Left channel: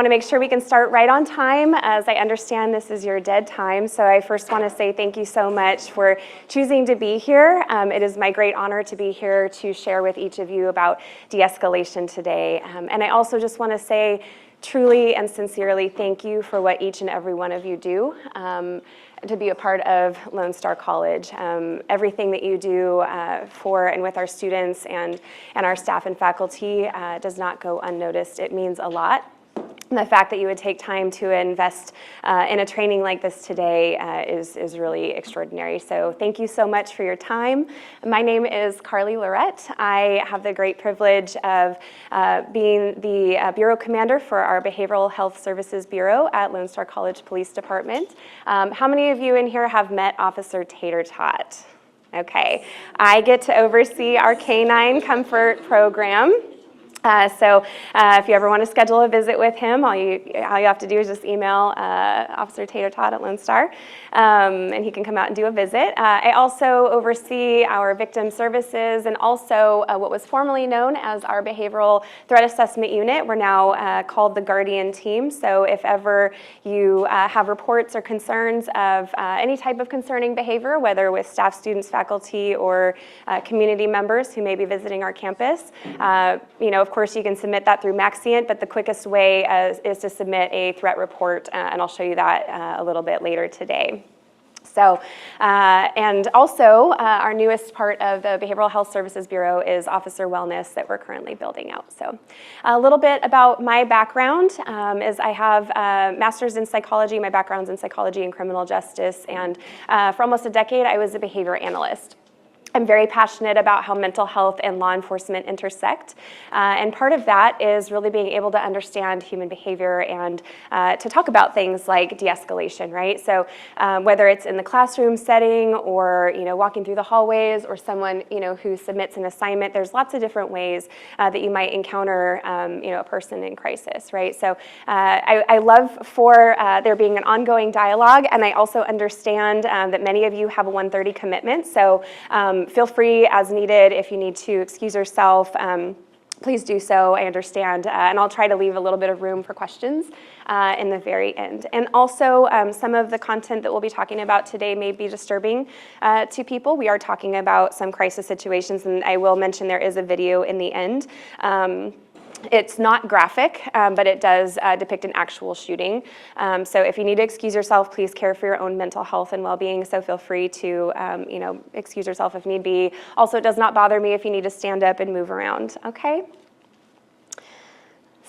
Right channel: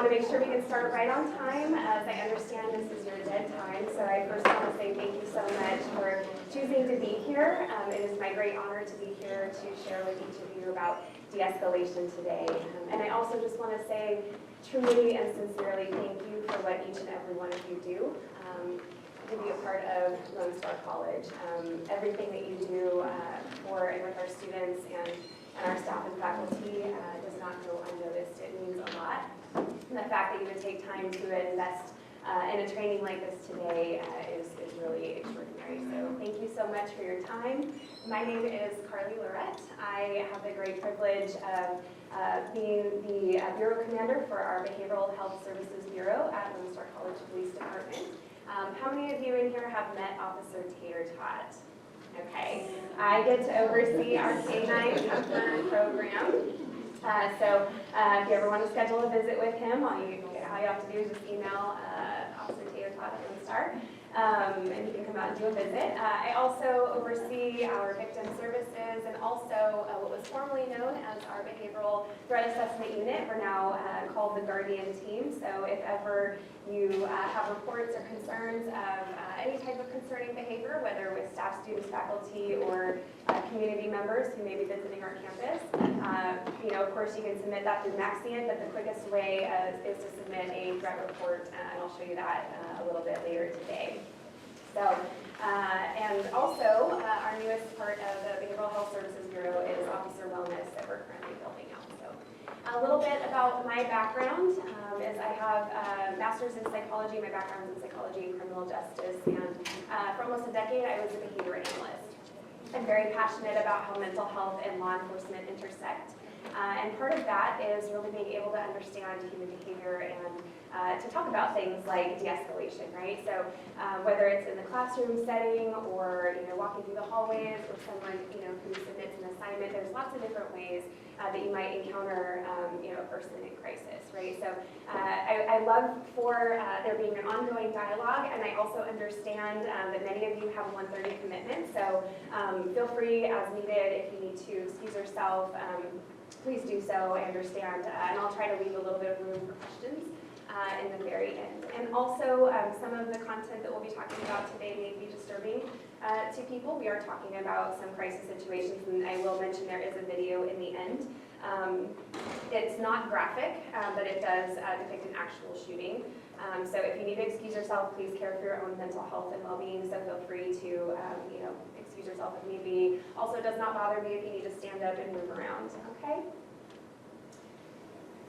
I want to make sure we can start right on time. As I understand, this is your dead time, so I first want to say thank you so much for choosing to be here. It is my great honor to be here to share with each of you about de-escalation today. And I also just want to say truly and sincerely thank you for what each and every one of you do to be a part of Lone Star College. Everything that you do for and with our students and our staff and faculty does not go unnoticed. It means a lot. And the fact that you would take time to invest in a training like this today is really extraordinary. So thank you so much for your time. My name is Carly Lorette. I have the great privilege of being the Bureau Commander for our Behavioral Health Services Bureau at Lone Star College Police Department. How many of you in here have met Officer Tater Tot? Okay, I get to oversee our Canine Comfort Program. So if you ever want to schedule a visit with him, all you have to do is just email Officer Tater Tot at Lone Star, and he can come out and do a visit. I also oversee our victim services and also what was formerly known as our Behavioral Threat Assessment Unit. We're now called the Guardian Team. So if ever you have reports or concerns of any type of concerning behavior, whether with staff, students, faculty, or community members who may be visiting our campus, of course, you can submit that through Maxient, but the quickest way is to submit a threat report, and I'll show you that a little bit later today. So, and also, our newest part of the Behavioral Health Services Bureau is Officer Wellness that we're currently building out. So, a little bit about my background is I have a master's in psychology. My background's in psychology and criminal justice, and for almost a decade, I was a behavior analyst. I'm very passionate about how mental health and law enforcement intersect. And part of that is really being able to understand human behavior and to talk about things like de-escalation, right? So whether it's in the classroom setting or walking through the hallways or someone who submits an assignment, there's lots of different ways that you might encounter a person in crisis, right? So I love for there being an ongoing dialogue, and I also understand that many of you have a 1:30 commitment. So feel free as needed if you need to excuse yourself. Please do so, I understand. And I'll try to leave a little bit of room for questions in the very end. And also, some of the content that we'll be talking about today may be disturbing to people. We are talking about some crisis situations, and I will mention there is a video in the end. It's not graphic, but it does depict an actual shooting. So if you need to excuse yourself, please care for your own mental health and well-being. So feel free to, excuse yourself if need be. Also, it does not bother me if you need to stand up and move around. Okay.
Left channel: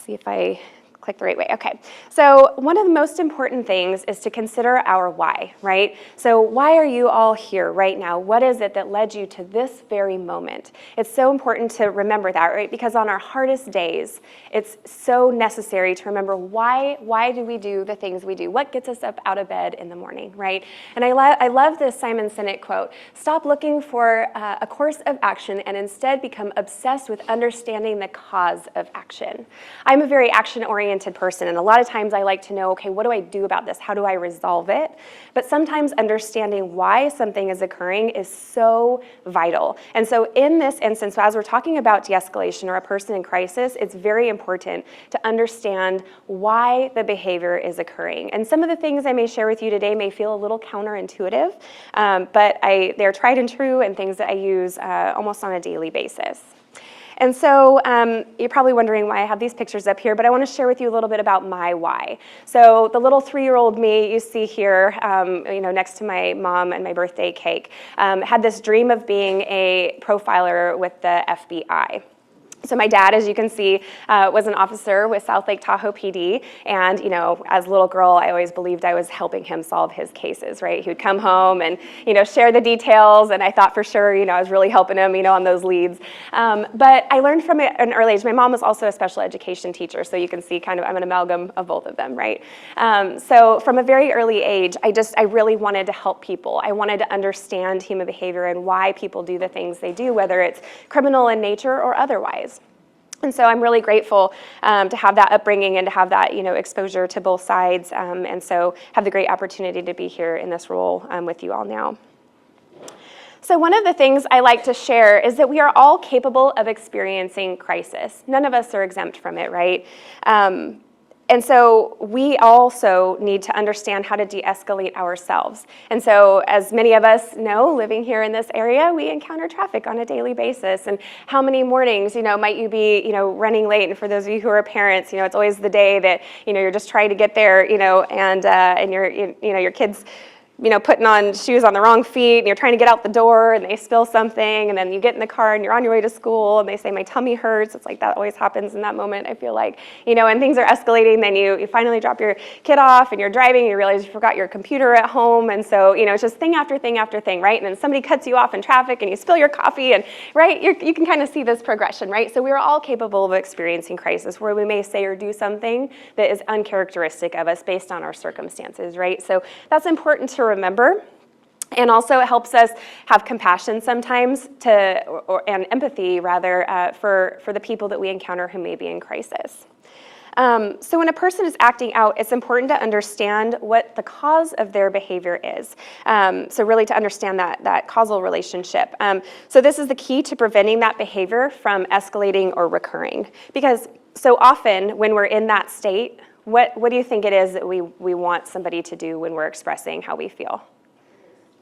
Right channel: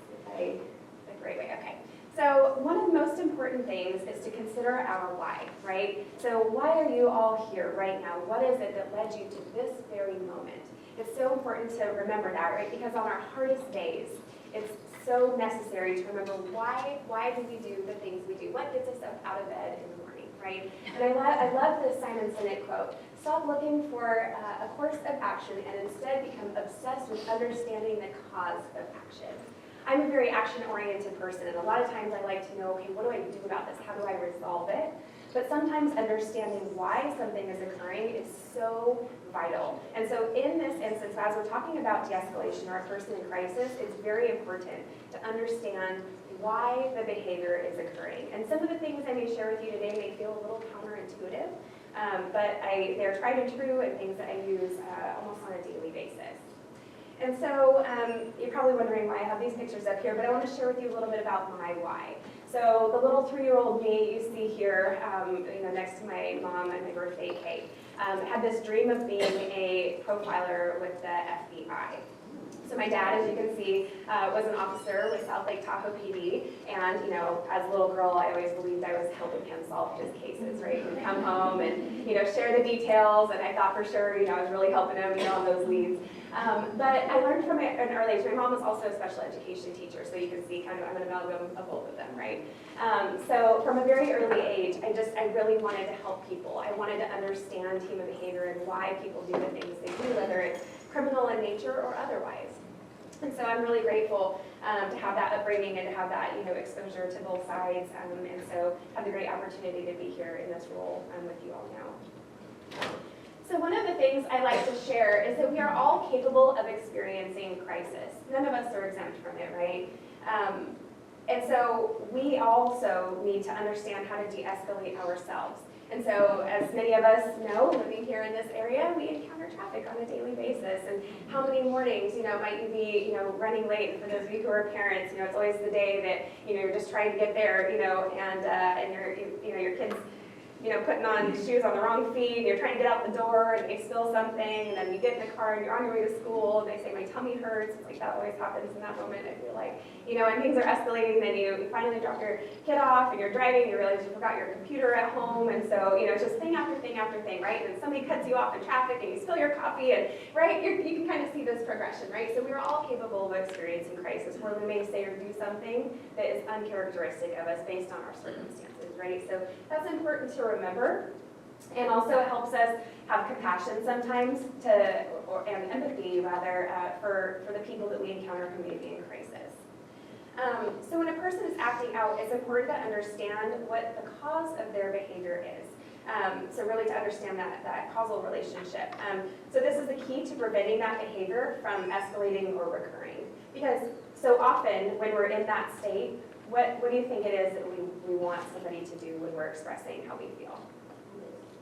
See if I click the right way. Okay, so one of the most important things is to consider our why, right? So why are you all here right now? What is it that led you to this very moment? It's so important to remember that, right? Because on our hardest days, it's so necessary to remember why do we do the things we do? What gets us up out of bed in the morning, right? And I love this Simon Sinek quote: stop looking for a course of action and instead become obsessed with understanding the cause of action. I'm a very action-oriented person, and a lot of times I like to know, okay, what do I do about this? How do I resolve it? But sometimes understanding why something is occurring is so vital. And so in this instance, as we're talking about de-escalation or a person in crisis, it's very important to understand why the behavior is occurring. And some of the things I may share with you today may feel a little counterintuitive, but they're tried and true and things that I use almost on a daily basis. And so you're probably wondering why I have these pictures up here, but I want to share with you a little bit about my why. So the little 3-year-old me you see here, next to my mom and my birthday cake, had this dream of being a profiler with the FBI. So my dad, as you can see, was an officer with South Lake Tahoe PD, and as a little girl, I always believed I was helping him solve his cases, right? He would come home and share the details, and I thought for sure I was really helping him on those leads. But I learned from an early age. My mom was also a special education teacher, so you can see I'm an amalgam of both of them, right? So from a very early age, I really wanted to help people. I wanted to understand human behavior and why people do the things they do, whether it's criminal in nature or otherwise. And so I'm really grateful to have that upbringing and to have that exposure to both sides, and so have the great opportunity to be here in this role with you all now. So one of the things I like to share is that we are all capable of experiencing crisis. None of us are exempt from it, right? And so we also need to understand how to de-escalate ourselves. And so as many of us know, living here in this area, we encounter traffic on a daily basis. And how many mornings, might you be, running late? And for those of you who are parents, it's always the day that, you're just trying to get there, and your kids, putting on shoes on the wrong feet, and you're trying to get out the door, and they spill something, and then you get in the car, and you're on your way to school, and they say, my tummy hurts. It's like that always happens in that moment, I feel like. And things are escalating, then you finally drop your kid off, and you're driving, and you realize you forgot your computer at home, and so, it's just thing after thing after thing, right? And then somebody cuts you off in traffic, and you spill your coffee, and, right, you can kind of see this progression, right? So we're all capable of experiencing crisis, where we may say or do something that is uncharacteristic of us based on our circumstances, right? So that's important to remember. And also it helps us have compassion sometimes and empathy rather for the people that we encounter who may be in crisis. So when a person is acting out, it's important to understand what the cause of their behavior is. So really to understand that causal relationship. So this is the key to preventing that behavior from escalating or recurring. Because so often when we're in that state, what do you think it is that we want somebody to do when we're expressing how we feel?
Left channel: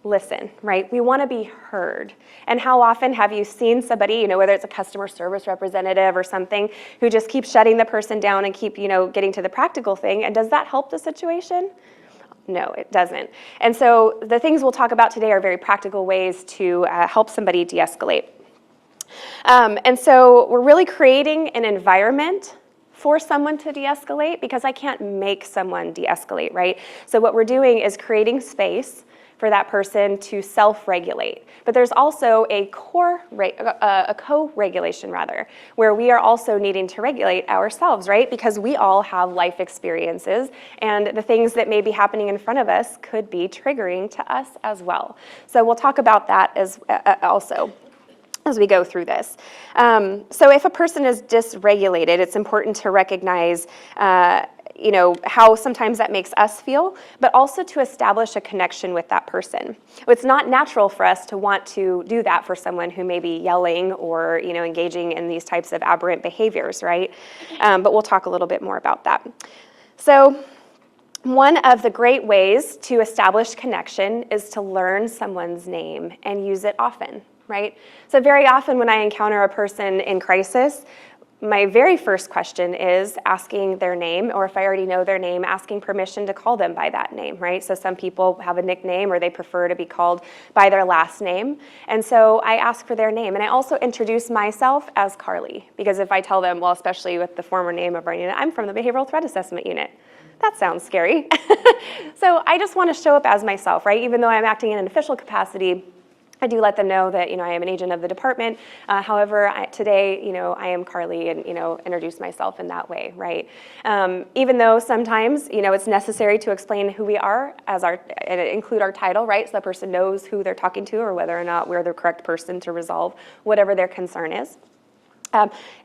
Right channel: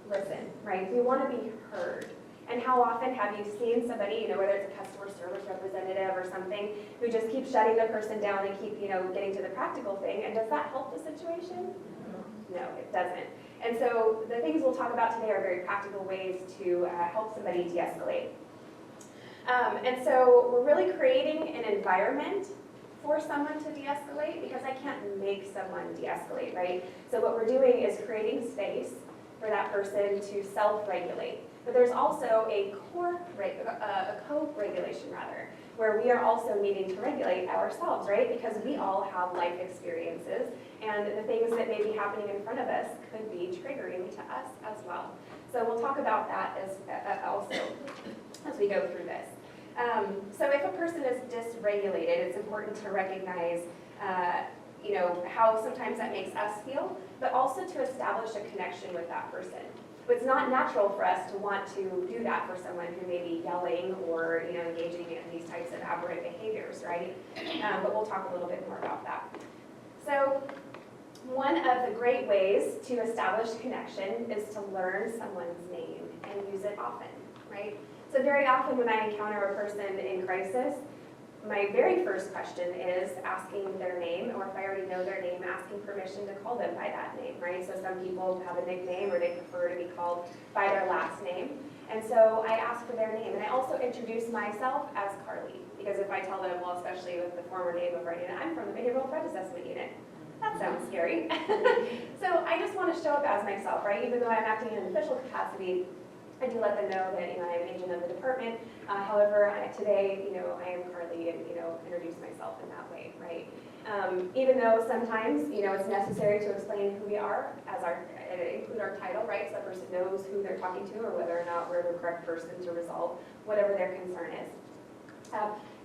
Listen, right? We want to be heard. And how often have you seen somebody, whether it's a customer service representative or something, who just keeps shutting the person down and keep, getting to the practical thing? And does that help the situation? No, it doesn't. And so the things we'll talk about today are very practical ways to help somebody de-escalate. And so we're really creating an environment for someone to de-escalate, because I can't make someone de-escalate, right? So what we're doing is creating space for that person to self-regulate. But there's also a co-regulation rather, where we are also needing to regulate ourselves, right? Because we all have life experiences, and the things that may be happening in front of us could be triggering to us as well. So we'll talk about that as also as we go through this. So if a person is dysregulated, it's important to recognize how sometimes that makes us feel, but also to establish a connection with that person. It's not natural for us to want to do that for someone who may be yelling or engaging in these types of aberrant behaviors, right? But we'll talk a little bit more about that. So one of the great ways to establish connection is to learn someone's name and use it often, right? So very often when I encounter a person in crisis, my very first question is asking their name, or if I already know their name, asking permission to call them by that name, right? So some people have a nickname or they prefer to be called by their last name. And so I ask for their name. And I also introduce myself as Carly, because if I tell them, well, especially with the former name of our unit, I'm from the Behavioral Threat Assessment Unit. That sounds scary. So I just want to show up as myself, right? Even though I'm acting in an official capacity, I do let them know that I am an agent of the department. However, today I am Carly, and introduce myself in that way, right? Even though sometimes it's necessary to explain who we are and include our title, right? So the person knows who they're talking to, or whether or not we're the correct person to resolve whatever their concern is.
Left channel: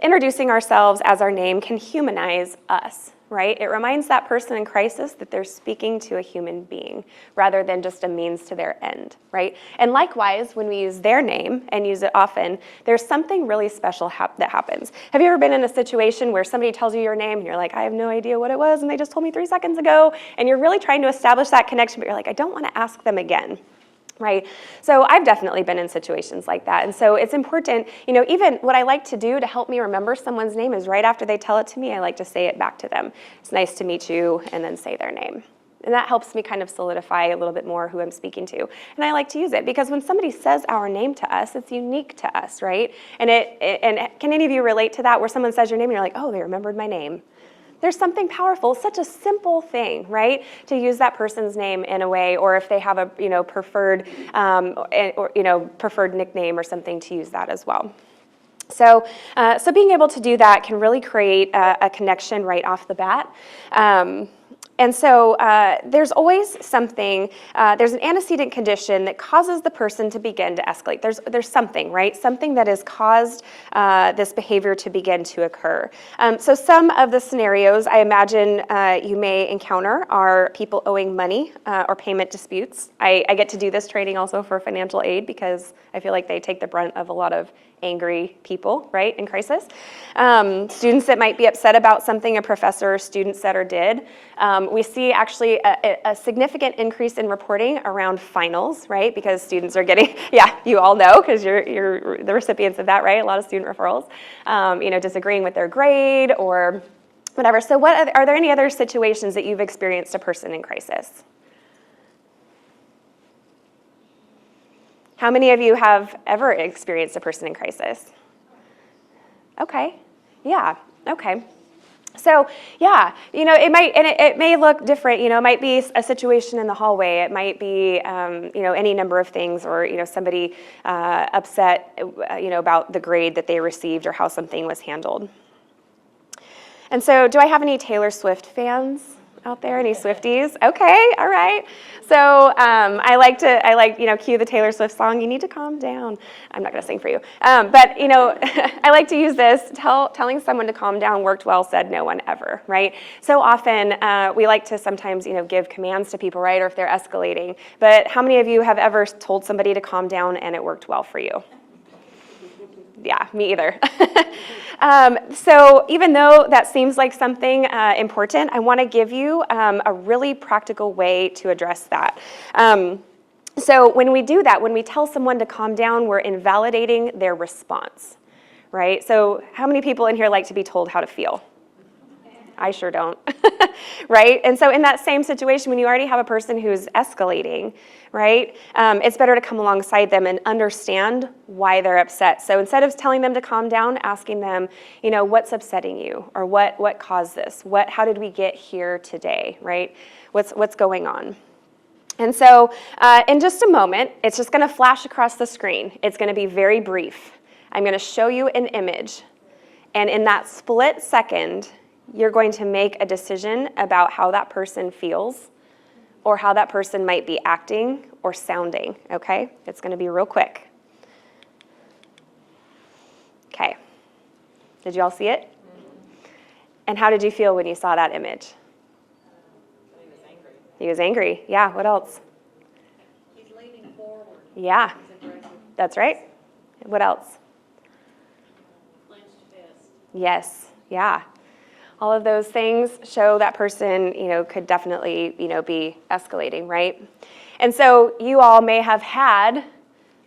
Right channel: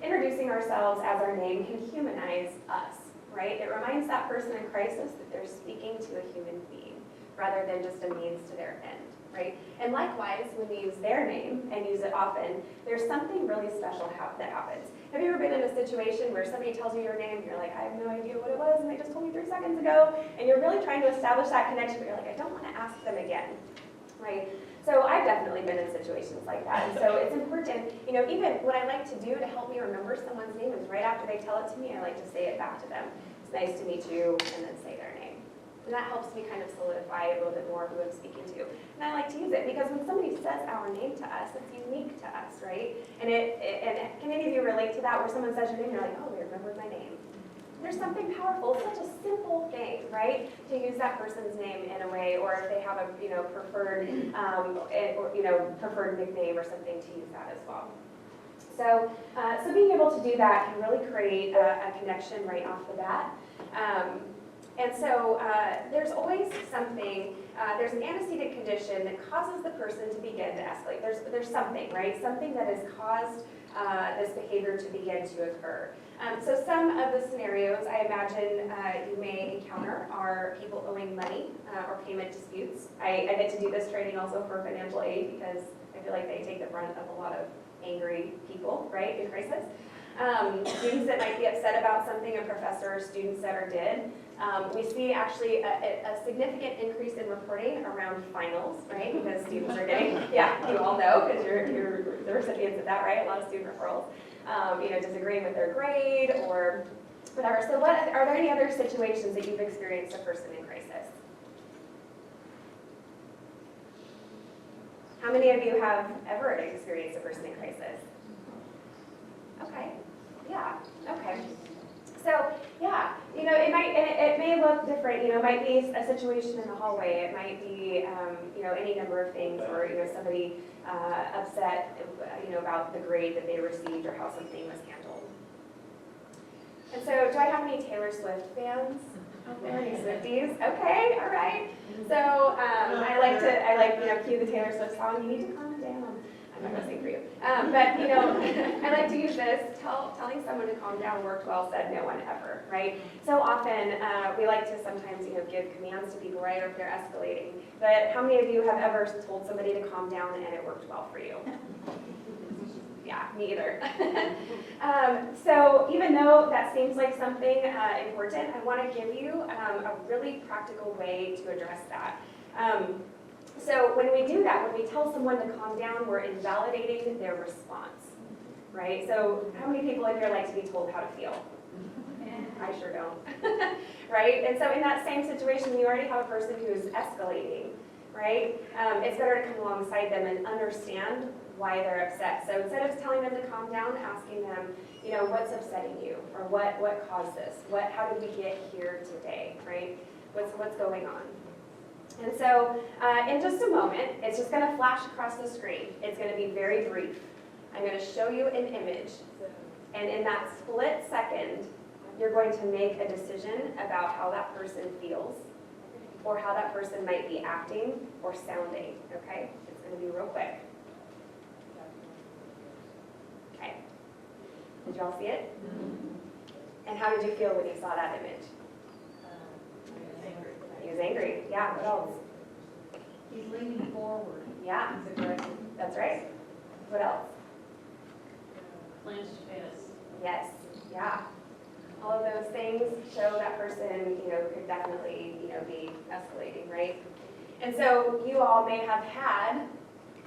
Introducing ourselves as our name can humanize us, right? It reminds that person in crisis that they're speaking to a human being rather than just a means to their end, right? And likewise, when we use their name and use it often, there's something really special that happens. Have you ever been in a situation where somebody tells you your name and you're like, I have no idea what it was and they just told me 3 seconds ago, and you're really trying to establish that connection, but you're like, I don't want to ask them again. Right? So I've definitely been in situations like that. And so it's important, even what I like to do to help me remember someone's name is right after they tell it to me, I like to say it back to them. It's nice to meet you, and then say their name. And that helps me kind of solidify a little bit more who I'm speaking to. And I like to use it because when somebody says our name to us, it's unique to us, right? And can any of you relate to that, where someone says your name and you're like, oh, they remembered my name? There's something powerful, such a simple thing, right? To use that person's name in a way, or if they have a preferred preferred nickname or something, to use that as well. So being able to do that can really create a connection right off the bat. And so there's always something, there's an antecedent condition that causes the person to begin to escalate. There's something, right? Something that has caused this behavior to begin to occur. So some of the scenarios I imagine you may encounter are people owing money or payment disputes. I get to do this training also for financial aid because I feel like they take the brunt of a lot of angry people, right, in crisis. Students that might be upset about something a professor or student said or did. We see actually a significant increase in reporting around finals, right, because students are getting, yeah, you all know, because you're the recipients of that, right, a lot of student referrals, disagreeing with their grade or whatever. So are there any other situations that you've experienced a person in crisis? How many of you have ever experienced a person in crisis? Okay, yeah, okay. So yeah, it may look different. It might be a situation in the hallway. It might be, any number of things, or somebody upset, about the grade that they received or how something was handled. And so, do I have any Taylor Swift fans out there? Any Swifties? Okay, all right. So I like cue the Taylor Swift song. You need to calm down. I'm not going to sing for you, but I like to use this. Telling someone to calm down worked well. Said no one ever. Right. So often we like to sometimes give commands to people, right, or if they're escalating. But how many of you have ever told somebody to calm down and it worked well for you? Yeah, me either. So even though that seems like something important, I want to give you a really practical way to address that. So when we do that, when we tell someone to calm down, we're invalidating their response, right? So how many people in here like to be told how to feel? I sure don't, right? And so in that same situation, when you already have a person who's escalating, right, it's better to come alongside them and understand why they're upset. So instead of telling them to calm down, asking them, what's upsetting you, or what caused this? How did we get here today, right? What's going on? And so in just a moment, it's just going to flash across the screen. It's going to be very brief. I'm going to show you an image, and in that split second, you're going to make a decision about how that person feels or how that person might be acting or sounding, okay? It's going to be real quick. Okay. Did you all see it? And how did you feel when you saw that image? He was angry. Yeah, what else? He's leaning forward. Yeah, that's right. What else? Clenched fist. Yes, yeah. All of those things show that person, could definitely, be escalating, right? And so you all may have had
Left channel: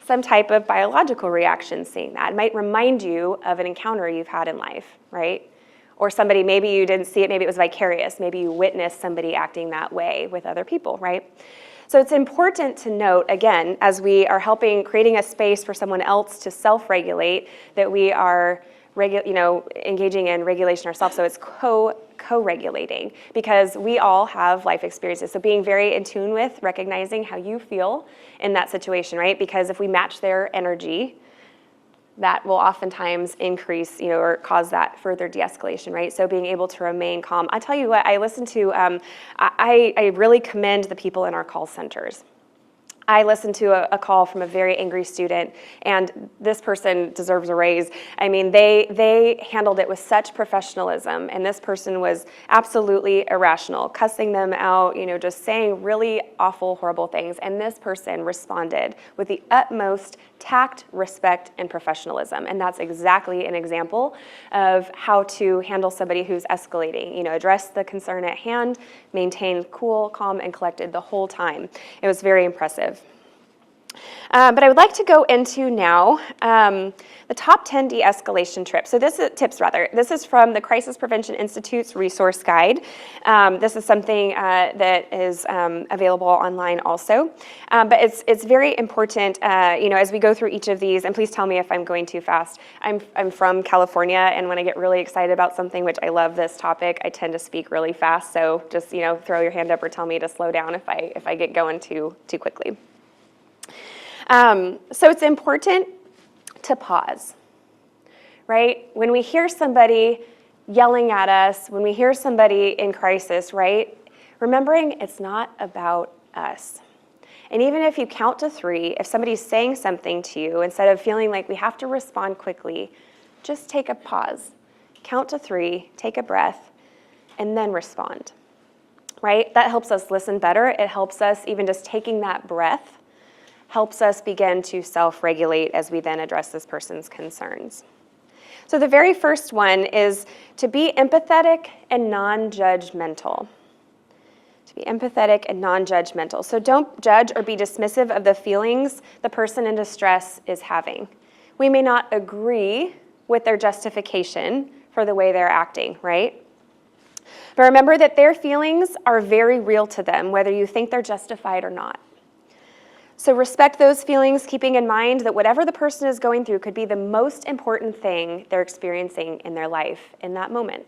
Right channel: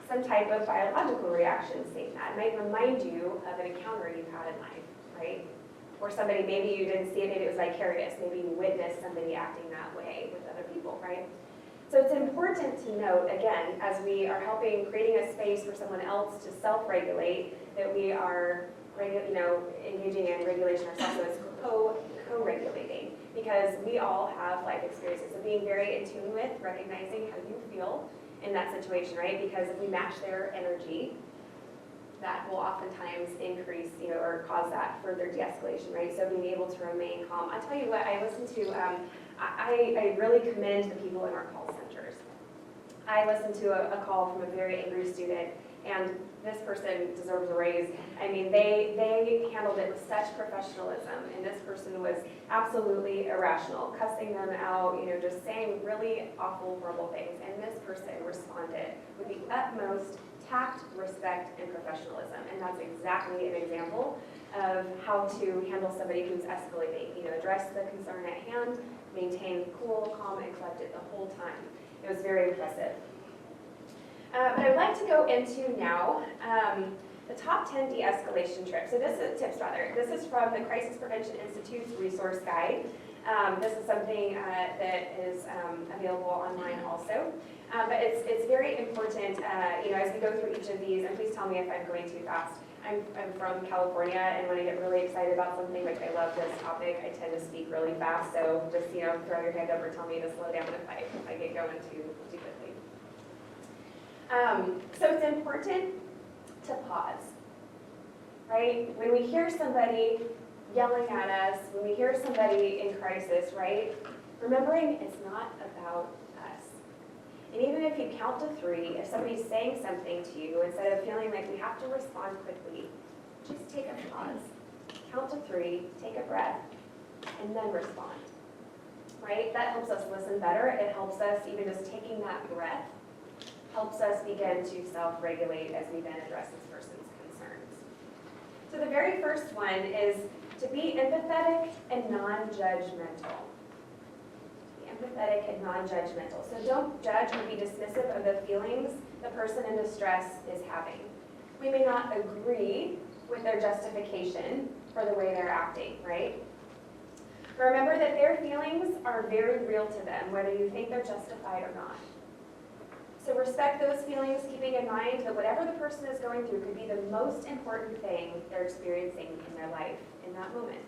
some type of biological reaction seeing that. It might remind you of an encounter you've had in life, right? Or somebody, maybe you didn't see it, maybe it was vicarious. Maybe you witnessed somebody acting that way with other people, right? So it's important to note, again, as we are creating a space for someone else to self-regulate, that we are engaging in regulation ourselves, so it's co-regulating, because we all have life experiences. So being very in tune with recognizing how you feel in that situation, right? Because if we match their energy, that will oftentimes increase, or cause that further de-escalation, right? So being able to remain calm. I tell you what, I listen to, I really commend the people in our call centers. I listened to a call from a very angry student, and this person deserves a raise. I mean, they handled it with such professionalism, and this person was absolutely irrational, cussing them out, just saying really awful, horrible things. And this person responded with the utmost tact, respect, and professionalism. And that's exactly an example of how to handle somebody who's escalating. Address the concern at hand, maintain cool, calm, and collected the whole time. It was very impressive. But I would like to go into now the top 10 de-escalation tips. So this is from the Crisis Prevention Institute's resource guide. This is something that is available online also. But it's very important, as we go through each of these, and please tell me if I'm going too fast. I'm from California, and when I get really excited about something, which I love this topic, I tend to speak really fast. So just throw your hand up or tell me to slow down if I get going too quickly. So it's important to pause, right? When we hear somebody yelling at us, when we hear somebody in crisis, right? Remembering it's not about us. And even if you count to 3, if somebody's saying something to you, instead of feeling like we have to respond quickly, just take a pause. Count to 3, take a breath, and then respond, right? That helps us listen better. It helps us even just taking that breath, helps us begin to self-regulate as we then address this person's concerns. So the very first one is to be empathetic and non-judgmental. To be empathetic and non-judgmental. So don't judge or be dismissive of the feelings the person in distress is having. We may not agree with their justification for the way they're acting, right? But remember that their feelings are very real to them, whether you think they're justified or not. So respect those feelings, keeping in mind that whatever the person is going through could be the most important thing they're experiencing in their life in that moment.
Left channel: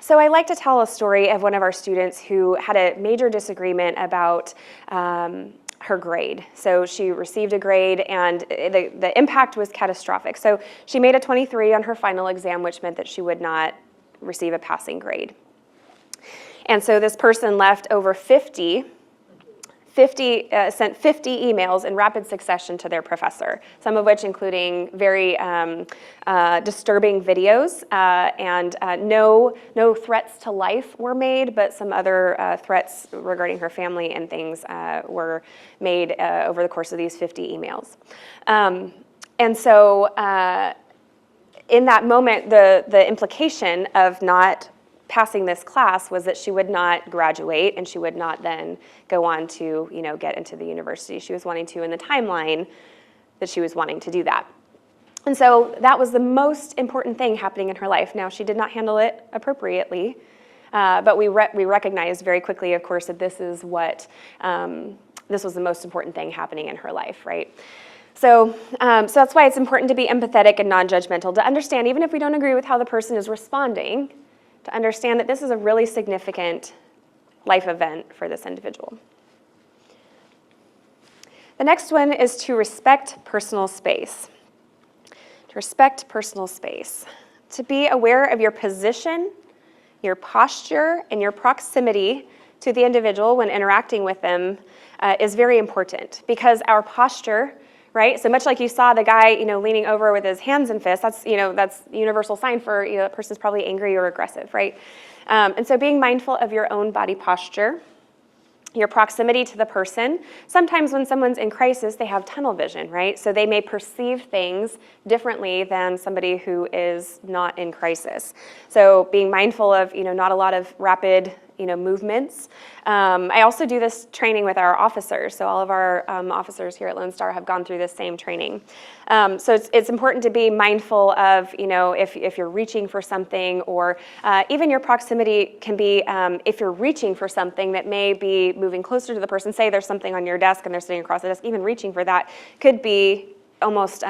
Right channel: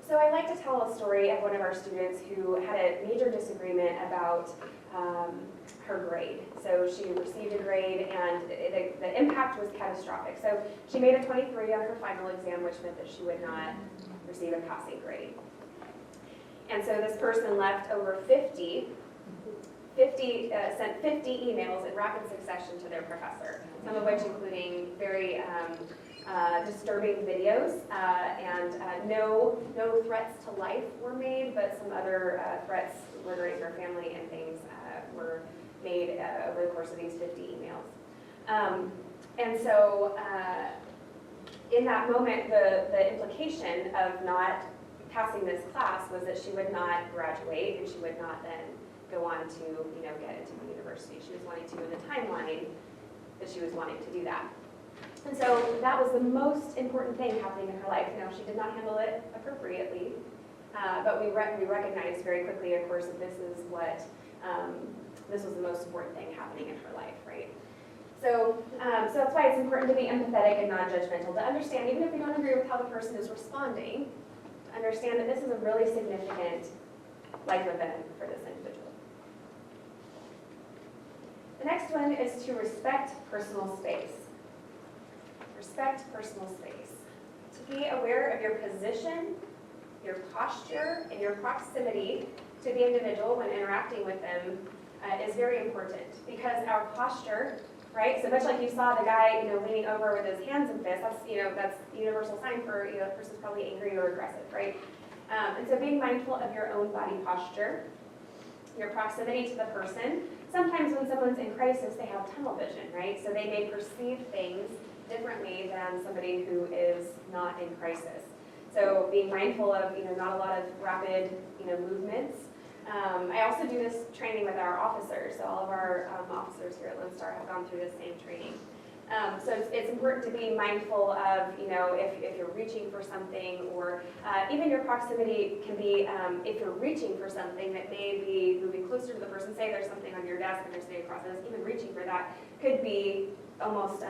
So I like to tell a story of one of our students who had a major disagreement about her grade. So she received a grade and the impact was catastrophic. So she made a 23 on her final exam, which meant that she would not receive a passing grade. And so this person left over 50 sent 50 emails in rapid succession to their professor, some of which including very disturbing videos, and no threats to life were made, but some other threats regarding her family and things were made over the course of these 50 emails. And so in that moment, the implication of not passing this class was that she would not graduate and she would not then go on to, get into the university she was wanting to in the timeline that she was wanting to do that. And so that was the most important thing happening in her life. Now, she did not handle it appropriately, but we recognized very quickly, of course, that this was the most important thing happening in her life, right? So that's why it's important to be empathetic and non-judgmental, to understand, even if we don't agree with how the person is responding, to understand that this is a really significant life event for this individual. The next one is to respect personal space. To respect personal space. To be aware of your position, your posture, and your proximity to the individual when interacting with them is very important, because our posture, right? So much like you saw the guy, leaning over with his hands and fists, that's a universal sign for, that person's probably angry or aggressive, right? And so being mindful of your own body posture, your proximity to the person. Sometimes when someone's in crisis, they have tunnel vision, right? So they may perceive things differently than somebody who is not in crisis. So being mindful of, not a lot of rapid, movements. I also do this training with our officers. So all of our officers here at Lone Star have gone through this same training. So it's important to be mindful of, if you're reaching for something, or even your proximity can be if you're reaching for something that may be moving closer to the person. Say there's something on your desk and they're sitting across the desk, even reaching for that could be almost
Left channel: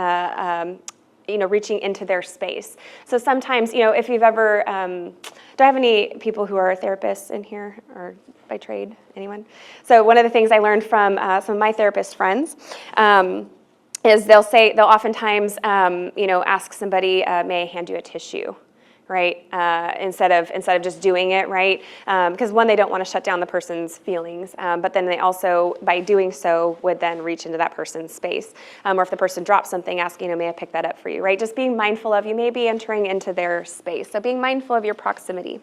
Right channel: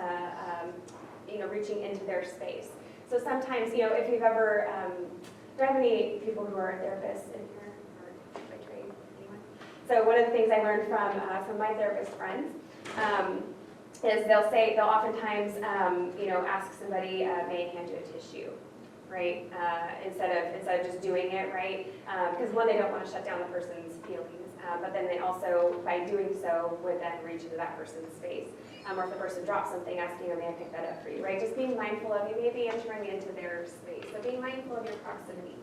reaching into their space. So sometimes, if you've ever, do I have any people who are therapists in here, or by trade, anyone? So one of the things I learned from some of my therapist friends is they'll oftentimes, ask somebody, may I hand you a tissue, right? Instead of just doing it, right? Because one, they don't want to shut down the person's feelings, but then they also, by doing so, would then reach into that person's space. Or if the person drops something, asking, may I pick that up for you, right? Just being mindful of, you may be entering into their space. So being mindful of your proximity.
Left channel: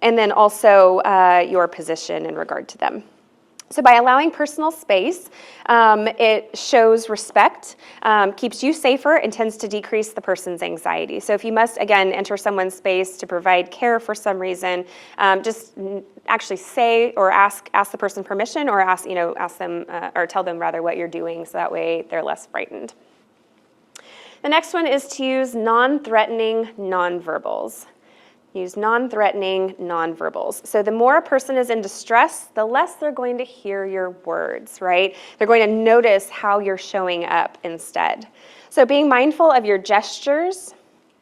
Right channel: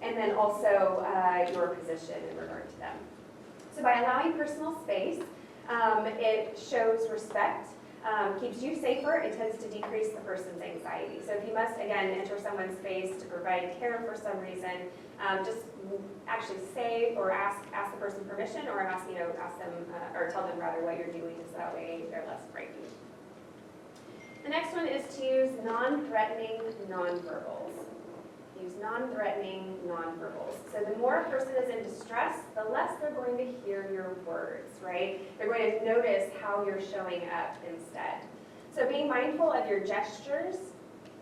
And then also your position in regard to them. So by allowing personal space, it shows respect, keeps you safer, and tends to decrease the person's anxiety. So if you must, again, enter someone's space to provide care for some reason, just actually say or ask the person permission, or ask them, or tell them rather what you're doing, so that way they're less frightened. The next one is to use non-threatening nonverbals. Use non-threatening nonverbals. So the more a person is in distress, the less they're going to hear your words, right? They're going to notice how you're showing up instead. So being mindful of your gestures,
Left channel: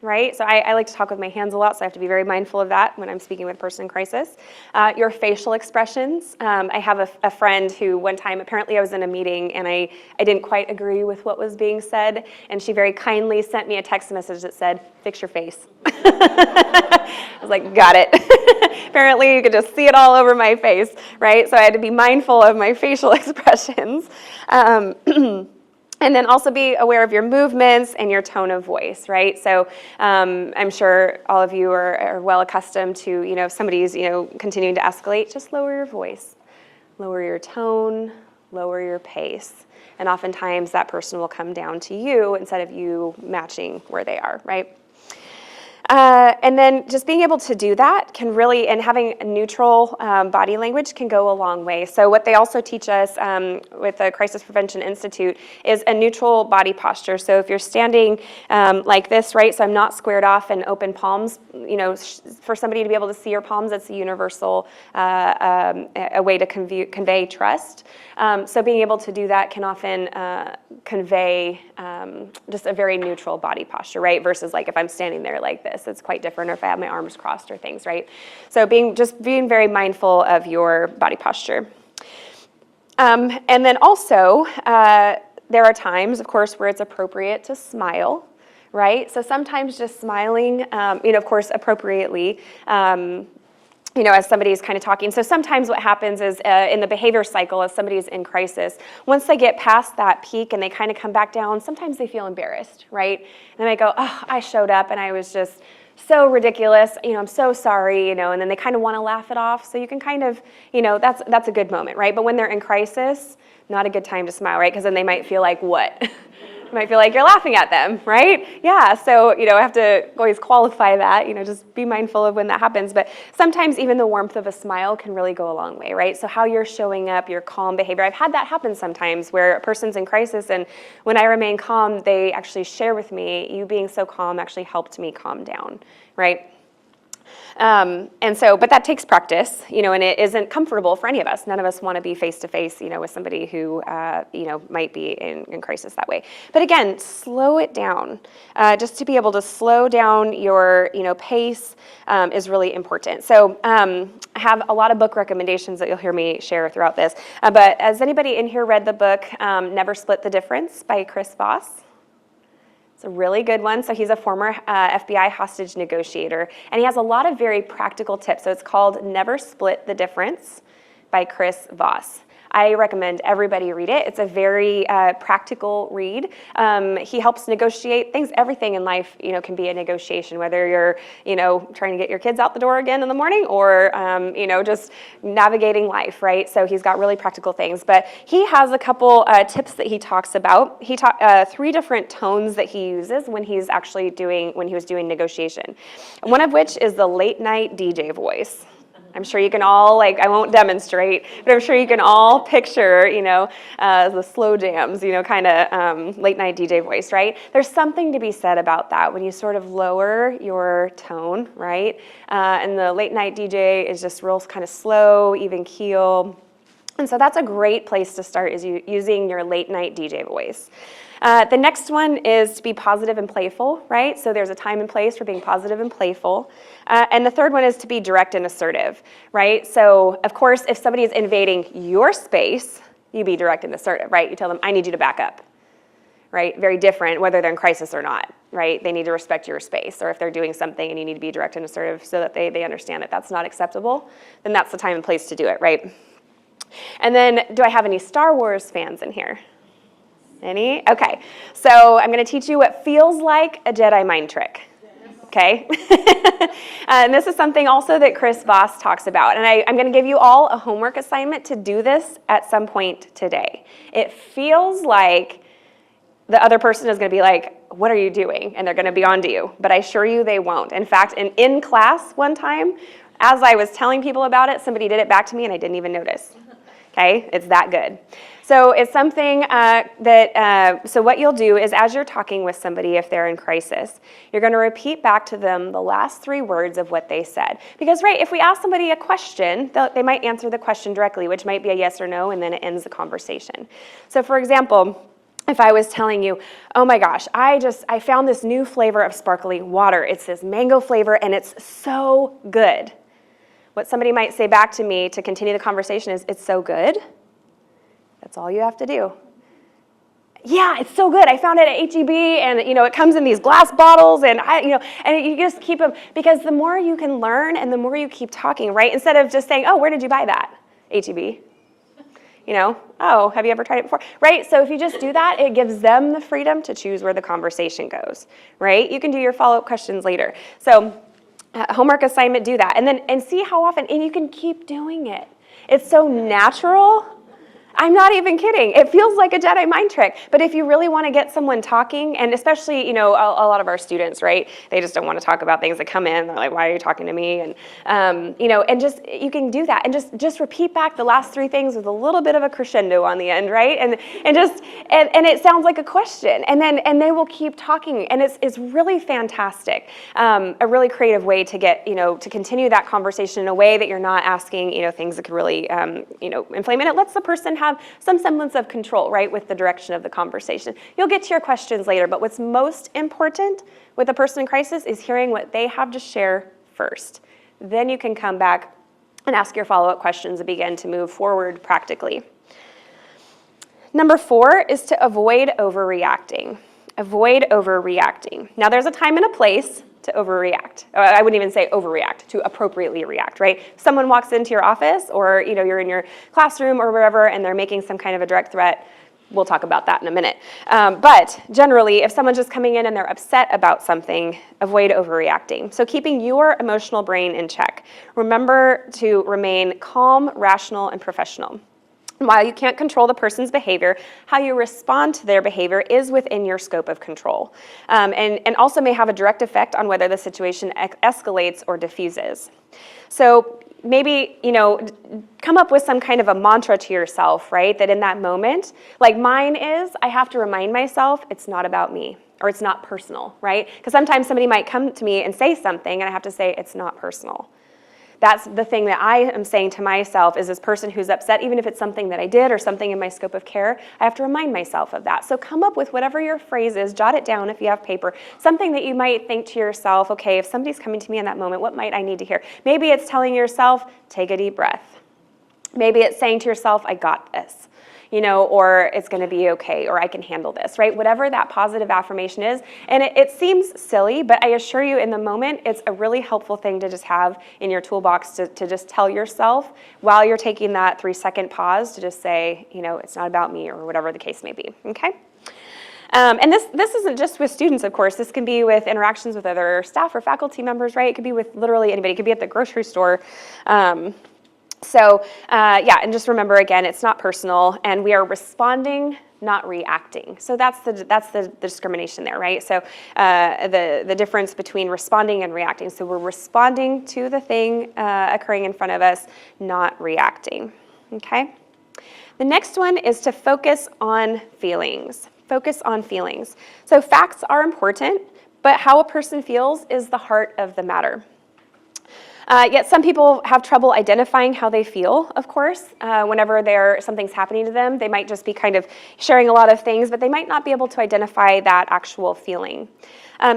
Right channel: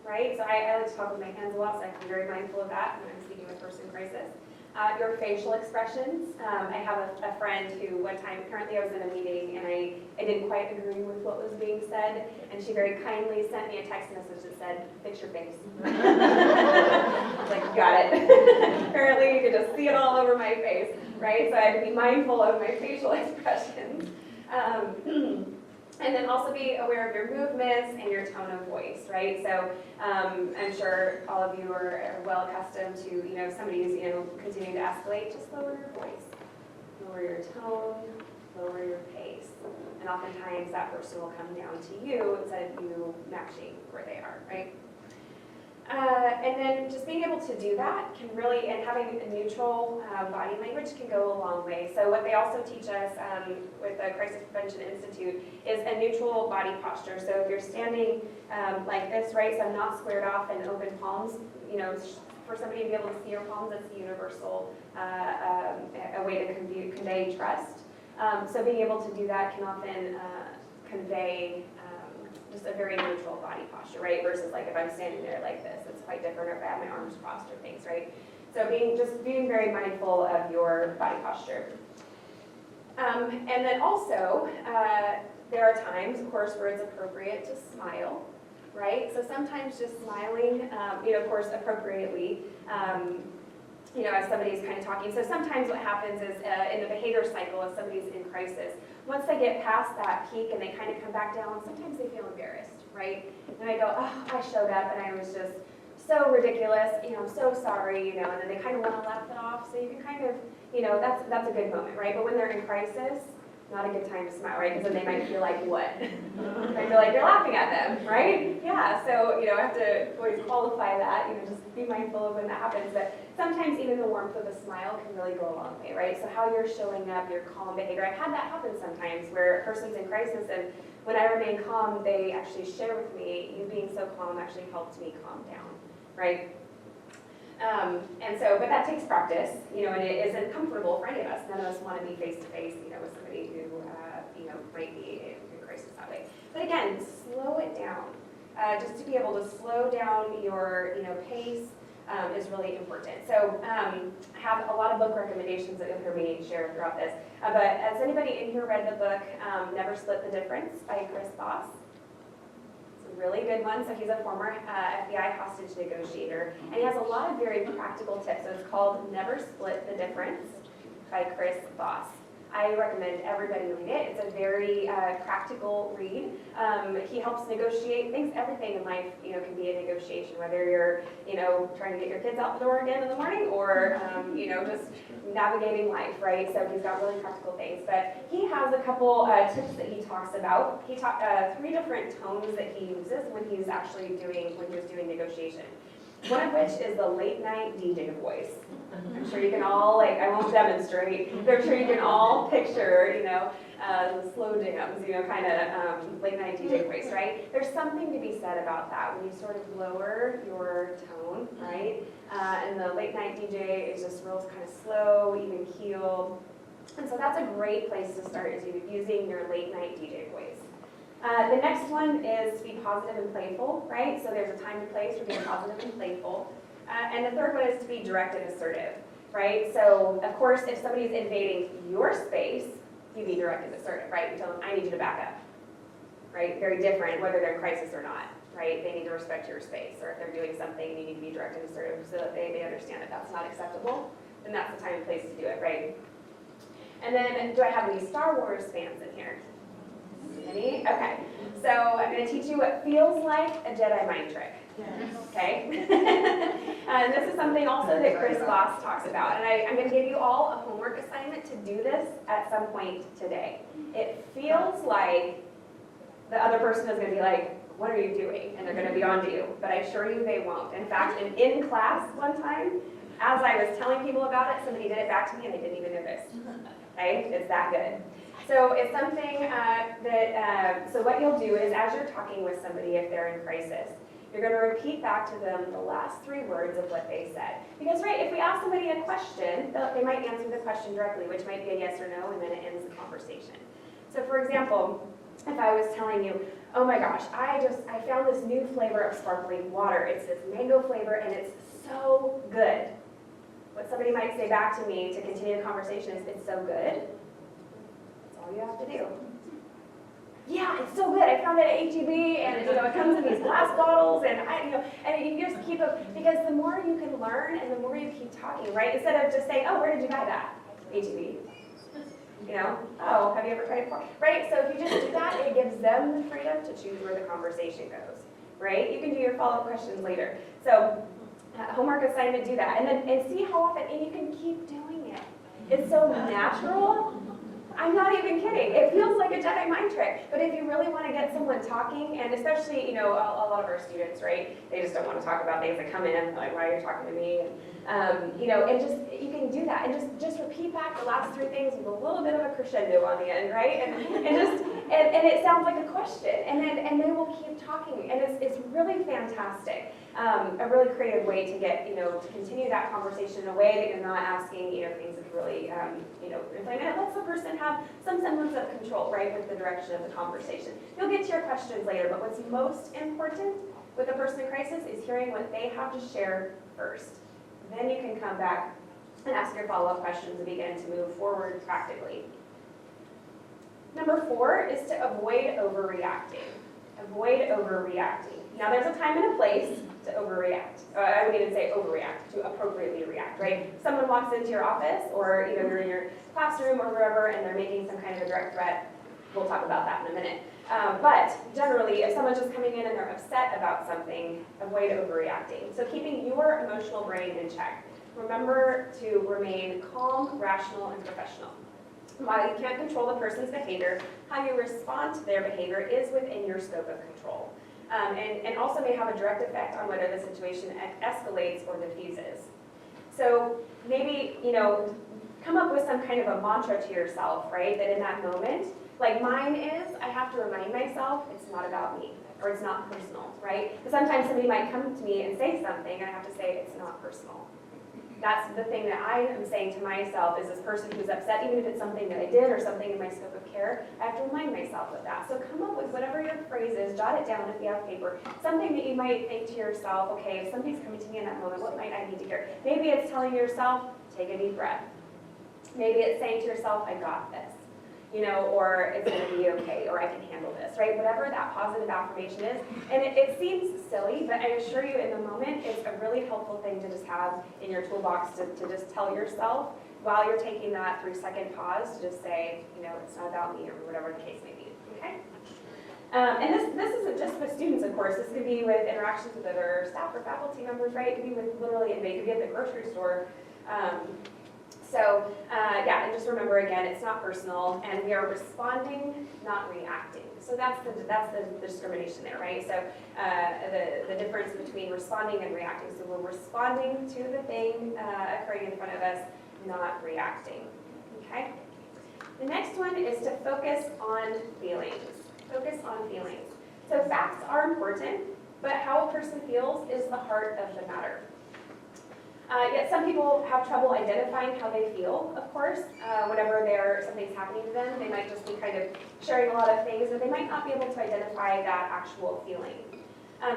right? So I like to talk with my hands a lot, so I have to be very mindful of that when I'm speaking with a person in crisis. Your facial expressions. I have a friend who one time, apparently I was in a meeting and I didn't quite agree with what was being said, and she very kindly sent me a text message that said, "Fix your face." I was like, got it. Apparently you could just see it all over my face, right? So I had to be mindful of my facial expressions. And then also be aware of your movements and your tone of voice, right? So I'm sure all of you are well accustomed to, if somebody's, continuing to escalate, just lower your voice. Lower your tone, lower your pace. And oftentimes that person will come down to you instead of you matching where they are, right? And then just being able to do that can really, and having a neutral body language can go a long way. So what they also teach us with the Crisis Prevention Institute is a neutral body posture. So if you're standing like this, right, so I'm not squared off and open palms, you know, for somebody to be able to see your palms, that's a universal a way to convey trust. So being able to do that can often convey just a very neutral body posture, right? Versus like if I'm standing there like this, it's quite different, or if I have my arms crossed or things, right? So being very mindful of your body posture. And then also, there are times, of course, where it's appropriate to smile, right? So sometimes just smiling, you know, of course, appropriately, you know, as somebody's kind of talking. So sometimes what happens is in the behavior cycle, as somebody's in crisis, once they get past that peak and they kind of come back down, sometimes they feel embarrassed, right? And they go, oh, I showed up and I was just so ridiculous, you know, I'm so sorry, you know, and then they kind of want to laugh it off. So you can kind of, you know, that's a good moment, right? But when they're in crisis, not a good time to smile, right? Because then they might feel like, what? You might feel like you're laughing at them, right? Yeah, so, you know, I have to always qualify that, you know, just be mindful of when that happens. But sometimes even the warmth of a smile can really go a long way, right? So how you're showing up, your calm behavior. I've had that happen sometimes where a person's in crisis, and when I remain calm, they actually share with me, you being so calm actually helped me calm down, right? And so, but that takes practice, you know, and it isn't comfortable for any of us. None of us want to be face to face, you know, with somebody who, you know, might be in crisis that way. But again, slow it down. Just to be able to slow down your, you know, pace is really important. So I have a lot of book recommendations that you'll hear me share throughout this. But has anybody in here read the book Never Split the Difference by Chris Voss? It's a really good one. So he's a former FBI hostage negotiator, and he has a lot of very practical tips. So it's called Never Split the Difference by Chris Voss. I recommend everybody read it. It's a very practical read. He helps negotiate things. Everything in life, you know, can be a negotiation, whether you're, you know, trying to get your kids out the door again in the morning, or, you know, just navigating life, right? So he's got really practical things. But he has a couple tips that he talks about. He talked 3 different tones that he uses when he's actually when he was doing negotiation. One of which is the late night DJ voice. I'm sure you can all, like, I won't demonstrate, but I'm sure you can all picture, you know, the slow jams, you know, kind of late night DJ voice, right? There's something to be said about that when you sort of lower your tone, right? And the late night DJ is just real kind of slow, even keel. And so that's a great place to start, is using your late night DJ voice. The next one is to be positive and playful, right? So there's a time and place for being positive and playful. And the third one is to be direct and assertive, right? So, of course, if somebody is invading your space, you be direct and assertive, right? You tell them, I need you to back up, right? Very different whether they're in crisis or not, right? They need to respect your space. Or if they're doing something and you need to be direct and assertive so that they understand that that's not acceptable, then that's the time and place to do it, right? And then, do I have any Star Wars fans in here? Any? Okay. So I'm going to teach you what feels like a Jedi mind trick. Okay? And this is something also that Chris Voss talks about. And I'm going to give you all a homework assignment to do this at some point today. It feels like the other person is going to be like, what are you doing? And they're going to be on to you. But I assure you they won't. In fact, in class one time, as I was telling people about it, somebody did it back to me and I didn't even notice. Okay? It's that good. So it's something so what you'll do is, as you're talking with somebody, if they're in crisis, you're going to repeat back to them the last 3 words of what they said. Because, right, if we ask somebody a question, they might answer the question directly, which might be a yes or no, and then it ends the conversation. So, for example, if I was telling you, oh my gosh, I found this new flavor of sparkling water. It's this mango flavor, and it's so good. What somebody might say back to me to continue the conversation is, it's so good. That's all you have to do. Yeah, it's so good. I found it at HEB, and you know it comes in these glass bottles, and and you just keep them, because the more you can learn and the more you keep talking, right? Instead of just saying, oh, where did you buy that? HEB. You know, oh, have you ever tried it before? Right? So if you just do that, it gives them the freedom to choose where the conversation goes, right? You can do your follow-up questions later. So homework assignment, do that, and see how often, and you can keep doing it. It's so natural. I'm not even kidding. It feels like a Jedi mind trick. But if you really want to get someone talking, and especially, a lot of our students, right? They just don't want to talk about things that come in. They're like, why are you talking to me? And, and just, you can do that. And just repeat back the last three things with a little bit of a crescendo on the end, right? And it sounds like a question. And they will keep talking. And it's really fantastic. A really creative way to get, to continue that conversation in a way that you're not asking, things that could really, inflame. And it lets the person have some semblance of control, right, with the direction of the conversation. You'll get to your questions later, but what's most important with a person in crisis is hearing what they have to share first. Then you can come back and ask your follow-up questions and begin to move forward practically. Number 4 is to avoid overreacting. Avoid overreacting. Now, there's a time and a place to overreact. I wouldn't even say overreact, to appropriately react, right? Someone walks into your office or, you're in your classroom or wherever and they're making some kind of a direct threat. We'll talk about that in a minute. But generally, if someone's just coming in and they're upset about something, avoid overreacting. So keeping your emotional brain in check. Remember to remain calm, rational, and professional. While you can't control the person's behavior, how you respond to their behavior is within your scope of control, and also may have a direct effect on whether the situation escalates or diffuses. So maybe, come up with some kind of a mantra to yourself, right? That in that moment, like mine is, I have to remind myself it's not about me, or it's not personal, right? Because sometimes somebody might come to me and say something, and I have to say it's not personal. That's the thing that I am saying to myself is this person who's upset, even if it's something that I did or something in my scope of care, I have to remind myself of that. So come up with whatever your phrase is, jot it down if you have paper, something that you might think to yourself, okay, if somebody's coming to me in that moment, what might I need to hear? Maybe it's telling yourself, take a deep breath. Maybe it's saying to yourself, I got this. Or it's going to be okay, or I can handle this, right? Whatever that positive affirmation is. And it seems silly, but I assure you in the moment, it's a really helpful thing to just have in your toolbox to just tell yourself while you're taking that 3-second pause to just say, it's not about me, or whatever the case may be, okay? And this isn't just with students, of course. This can be with interactions with other staff or faculty members, right? It could be with literally anybody. It could be at the grocery store. And just remember again, it's not personal, and we are responding, not reacting. So that's the discrimination there, right? So the difference between responding and reacting. So we're responding to the thing occurring in front of us, not reacting. Okay. The next one is to focus on feelings. Focus on feelings. So facts are important, but how a person feels is the heart of the matter. Yet some people have trouble identifying how they feel, of course. Whenever something's happening to them, they might just be kind of sharing a lot of things, but they might not be able to identify that actual feeling.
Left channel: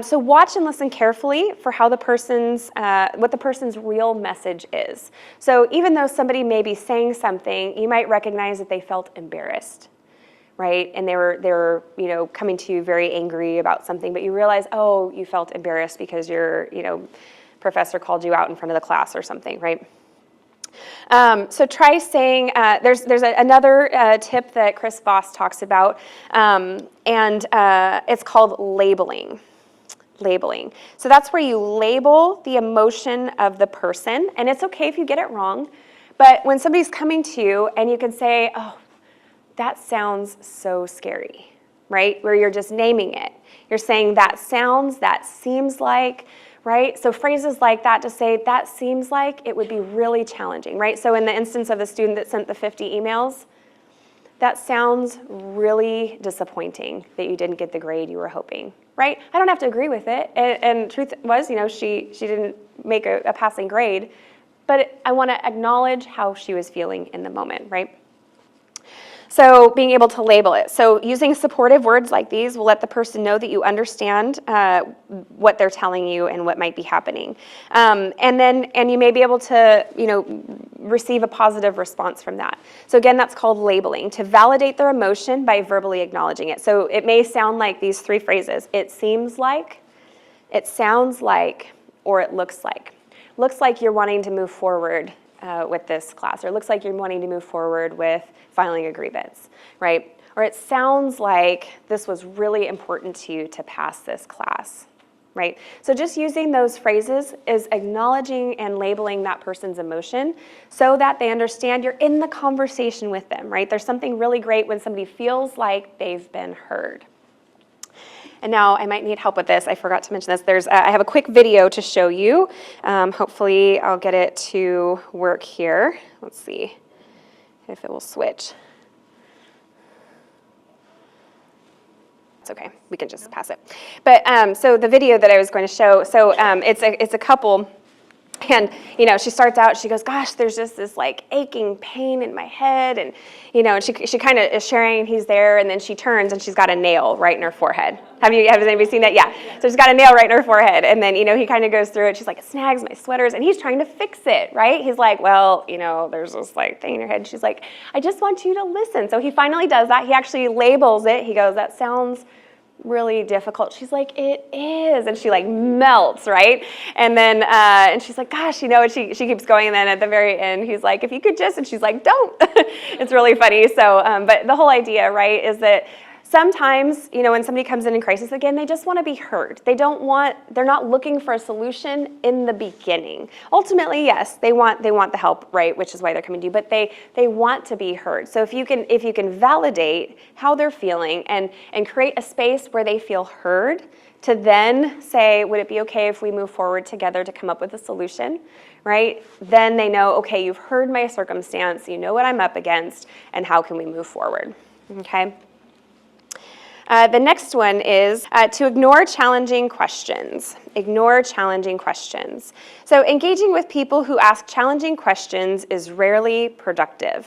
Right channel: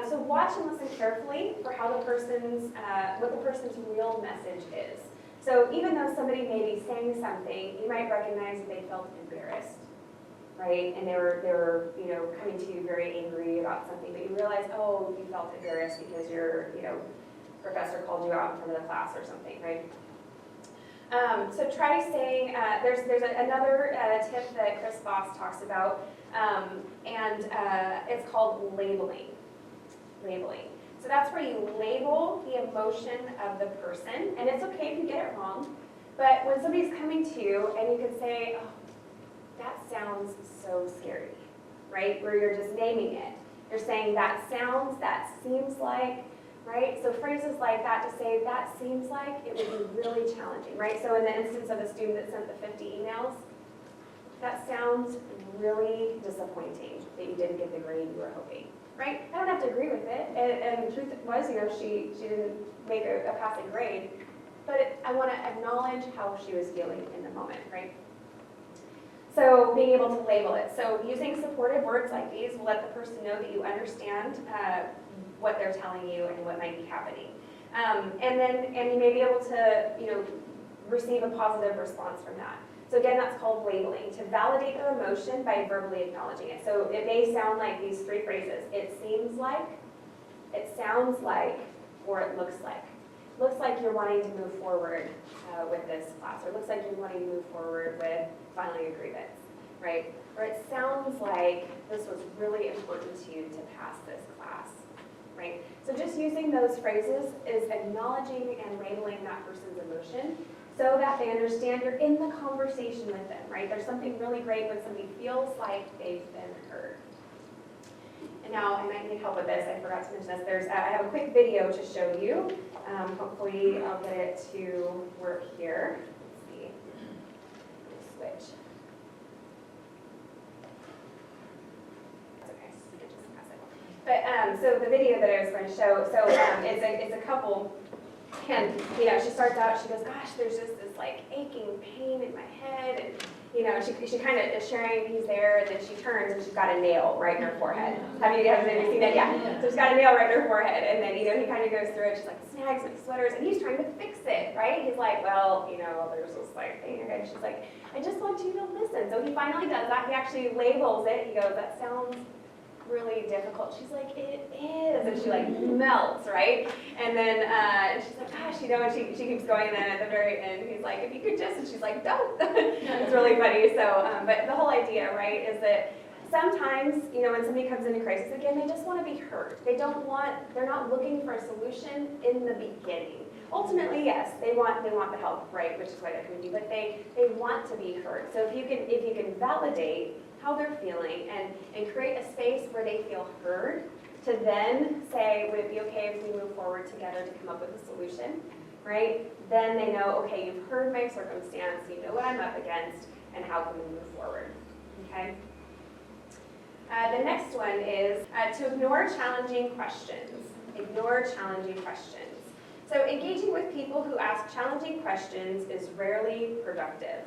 So watch and listen carefully for how what the person's real message is. So even though somebody may be saying something, you might recognize that they felt embarrassed, right? And they were coming to you very angry about something, but you realize, oh, you felt embarrassed because your professor called you out in front of the class or something, right? So try saying, there's another tip that Chris Voss talks about, and it's called labeling. Labeling. So that's where you label the emotion of the person, and it's okay if you get it wrong, but when somebody's coming to you and you can say, oh, that sounds so scary, right? Where you're just naming it. You're saying that sounds, that seems like, right? So phrases like that to say, that seems like it would be really challenging, right? So in the instance of the student that sent the 50 emails, that sounds really disappointing that you didn't get the grade you were hoping, right? I don't have to agree with it. And truth was, she didn't make a passing grade, but I want to acknowledge how she was feeling in the moment, right? So being able to label it. So using supportive words like these will let the person know that you understand what they're telling you and what might be happening. And you may be able to, receive a positive response from that. So again, that's called labeling, to validate their emotion by verbally acknowledging it. So it may sound like these 3 phrases. It seems like, it sounds like, or it looks like. Looks like you're wanting to move forward with this class, or it looks like you're wanting to move forward with filing a grievance, right? Or it sounds like this was really important to you to pass this class, right? So just using those phrases is acknowledging and labeling that person's emotion so that they understand you're in the conversation with them, right? There's something really great when somebody feels like they've been heard. And now I might need help with this. I forgot to mention this. I have a quick video to show you. Hopefully I'll get it to work here. Let's see if it will switch. It's okay, we can just pass it. But so the video that I was going to show, so it's a couple, and she starts out, she goes, gosh, there's just this like aching pain in my head, and and she kind of is sharing, he's there, and then she turns and she's got a nail right in her forehead. Has anybody seen that? Yeah. So she's got a nail right in her forehead, and then he kind of goes through it. She's like, it snags my sweaters, and he's trying to fix it, right? He's like, well, there's this like thing in your head. She's like, I just want you to listen. So he finally does that. He actually labels it. He goes, that sounds really difficult. She's like, it is, and she like melts, right? And then and she's like, gosh, and she keeps going, and then at the very end he's like, if you could just, and she's like, don't. It's really funny. So but the whole idea, right, is that sometimes, when somebody comes in crisis, again, they just want to be heard. They're not looking for a solution in the beginning. Ultimately, yes, they want the help, right, which is why they're coming to you, but they want to be heard. So if you can validate how they're feeling and create a space where they feel heard, to then say, would it be okay if we move forward together to come up with a solution, right? Then they know, okay, you've heard my circumstance, you know what I'm up against, and how can we move forward, okay? The next one is to ignore challenging questions. Ignore challenging questions. So engaging with people who ask challenging questions is rarely productive.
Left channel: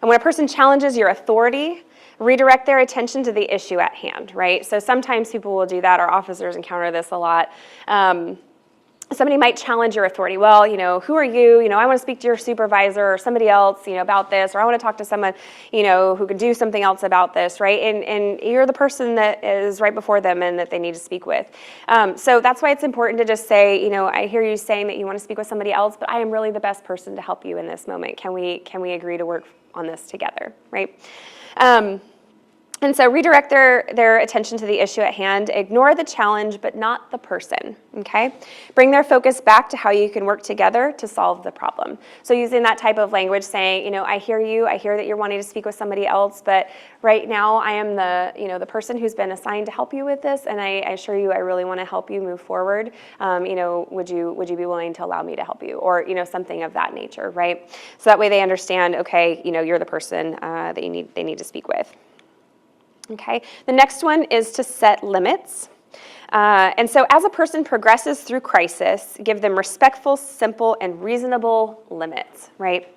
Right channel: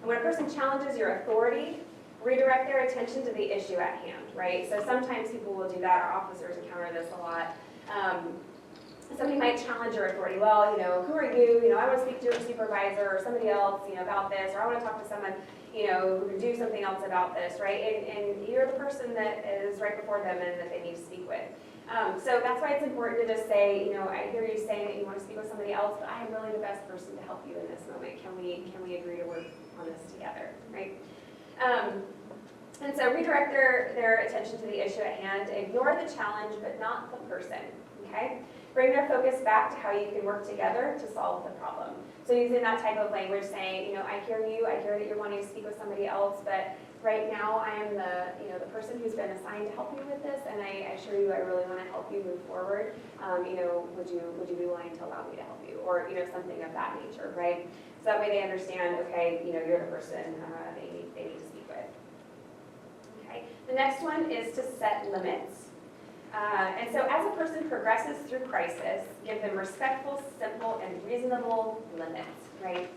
And when a person challenges your authority, redirect their attention to the issue at hand, right? So sometimes people will do that. Our officers encounter this a lot. Somebody might challenge your authority. Well, who are you? I want to speak to your supervisor or somebody else, about this, or I want to talk to someone, who could do something else about this, right? And you're the person that is right before them and that they need to speak with. So that's why it's important to just say, I hear you saying that you want to speak with somebody else, but I am really the best person to help you in this moment. Can we agree to work on this together, right? And so redirect their attention to the issue at hand. Ignore the challenge, but not the person, okay? Bring their focus back to how you can work together to solve the problem. So using that type of language, saying, I hear you, I hear that you're wanting to speak with somebody else, but right now I am the person who's been assigned to help you with this, and I assure you I really want to help you move forward. Would you be willing to allow me to help you? Or, something of that nature, right? So that way they understand, okay, you're the person that they need to speak with. Okay, the next one is to set limits. And so as a person progresses through crisis, give them respectful, simple, and reasonable limits, right?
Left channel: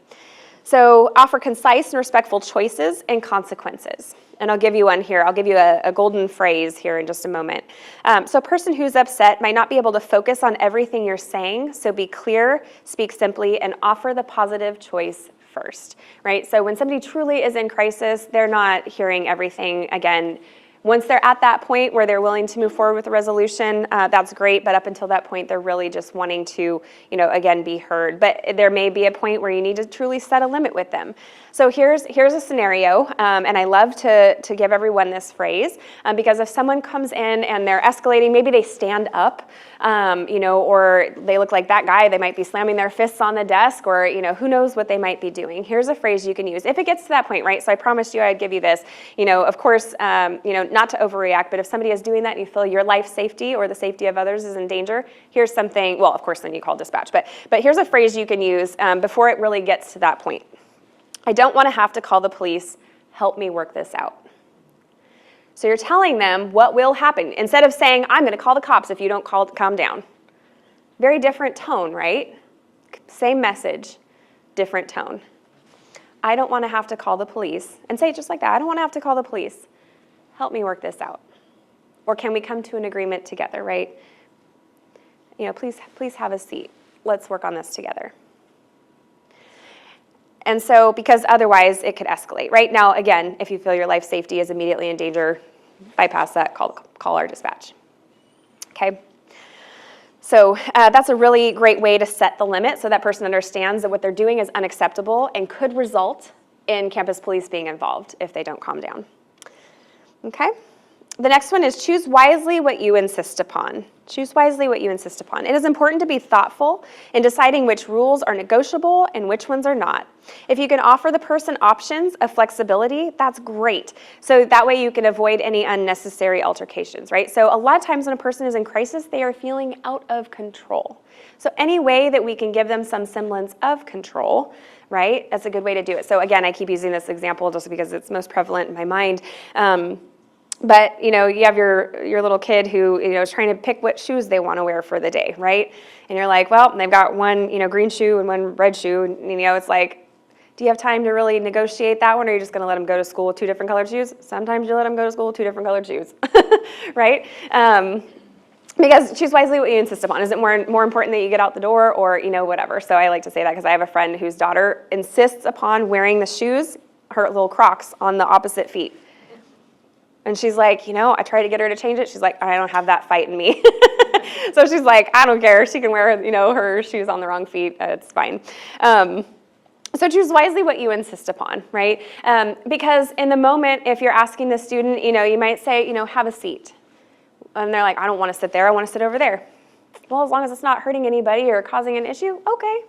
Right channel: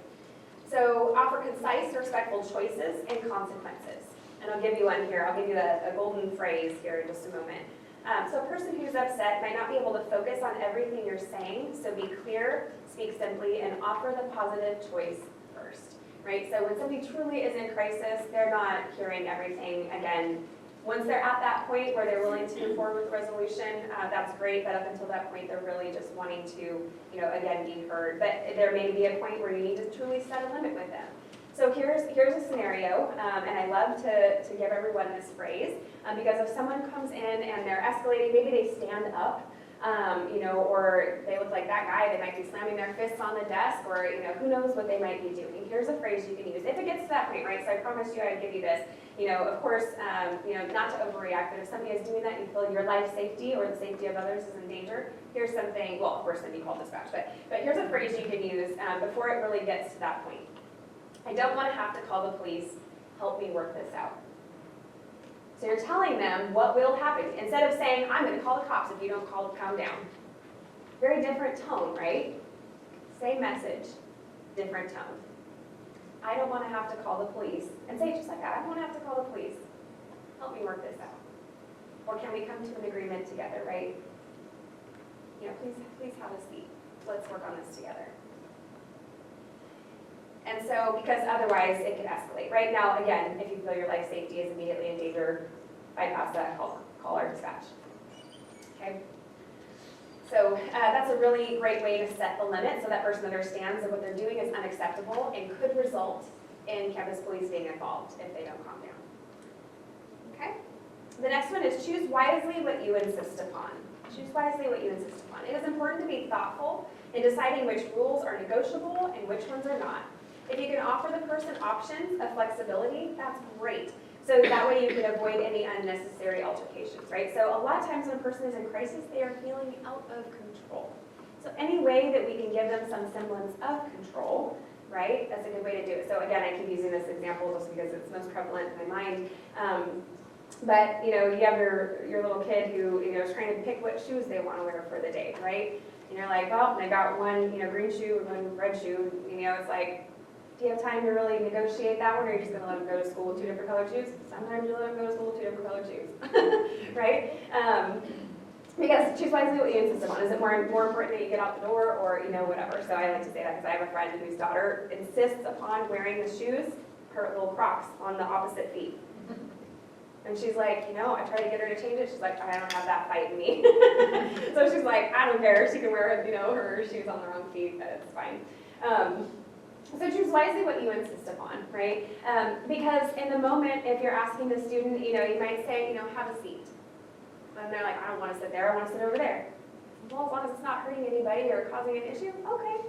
So offer concise and respectful choices and consequences. And I'll give you one here. I'll give you a golden phrase here in just a moment. So a person who's upset might not be able to focus on everything you're saying, so be clear, speak simply, and offer the positive choice first, right? So when somebody truly is in crisis, they're not hearing everything again. Once they're at that point where they're willing to move forward with a resolution, that's great, but up until that point, they're really just wanting to, again, be heard. But there may be a point where you need to truly set a limit with them. So here's a scenario, and I love to give everyone this phrase, because if someone comes in and they're escalating, maybe they stand up, or they look like that guy, they might be slamming their fists on the desk, or, who knows what they might be doing. Here's a phrase you can use. If it gets to that point, right, so I promised you I'd give you this, of course, not to overreact, but if somebody is doing that and you feel your life safety or the safety of others is in danger, here's something, well, of course, then you call dispatch, but here's a phrase you can use before it really gets to that point. I don't want to have to call the police. Help me work this out. So you're telling them what will happen. Instead of saying, I'm going to call the cops if you don't calm down. Very different tone, right? Same message, different tone. I don't want to have to call the police. And say it just like that. I don't want to have to call the police. Help me work this out. Or can we come to an agreement together, right? Please have a seat. Let's work on this together. And so, because otherwise it could escalate, right? Now, again, if you feel your life safety is immediately in danger, bypass that, call our dispatch, okay? So that's a really great way to set the limit so that person understands that what they're doing is unacceptable and could result in campus police being involved if they don't calm down, okay? The next one is choose wisely what you insist upon. Choose wisely what you insist upon. It is important to be thoughtful in deciding which rules are negotiable and which ones are not. If you can offer the person options of flexibility, that's great. So that way you can avoid any unnecessary altercations, right? So a lot of times when a person is in crisis, they are feeling out of control. So any way that we can give them some semblance of control, right, that's a good way to do it. So again, I keep using this example just because it's most prevalent in my mind. But, you have your little kid who, is trying to pick what shoes they want to wear for the day, right? And you're like, well, they've got one, green shoe and one red shoe. And, it's like, do you have time to really negotiate that one, or are you just going to let them go to school with two different colored shoes? Sometimes you let them go to school with two different colored shoes, right? Because choose wisely what you insist upon. Is it more important that you get out the door, or, whatever? So I like to say that because I have a friend whose daughter insists upon wearing the shoes, her little Crocs, on the opposite feet. And she's like, I try to get her to change it. She's like, I don't have that fight in me. So she's like, I don't care. She can wear, her shoes on the wrong feet. It's fine. So choose wisely what you insist upon, right? Because in the moment, if you're asking the student, you might say, have a seat. And they're like, I don't want to sit there. I want to sit over there. Well, as long as it's not hurting anybody or causing an issue, okay.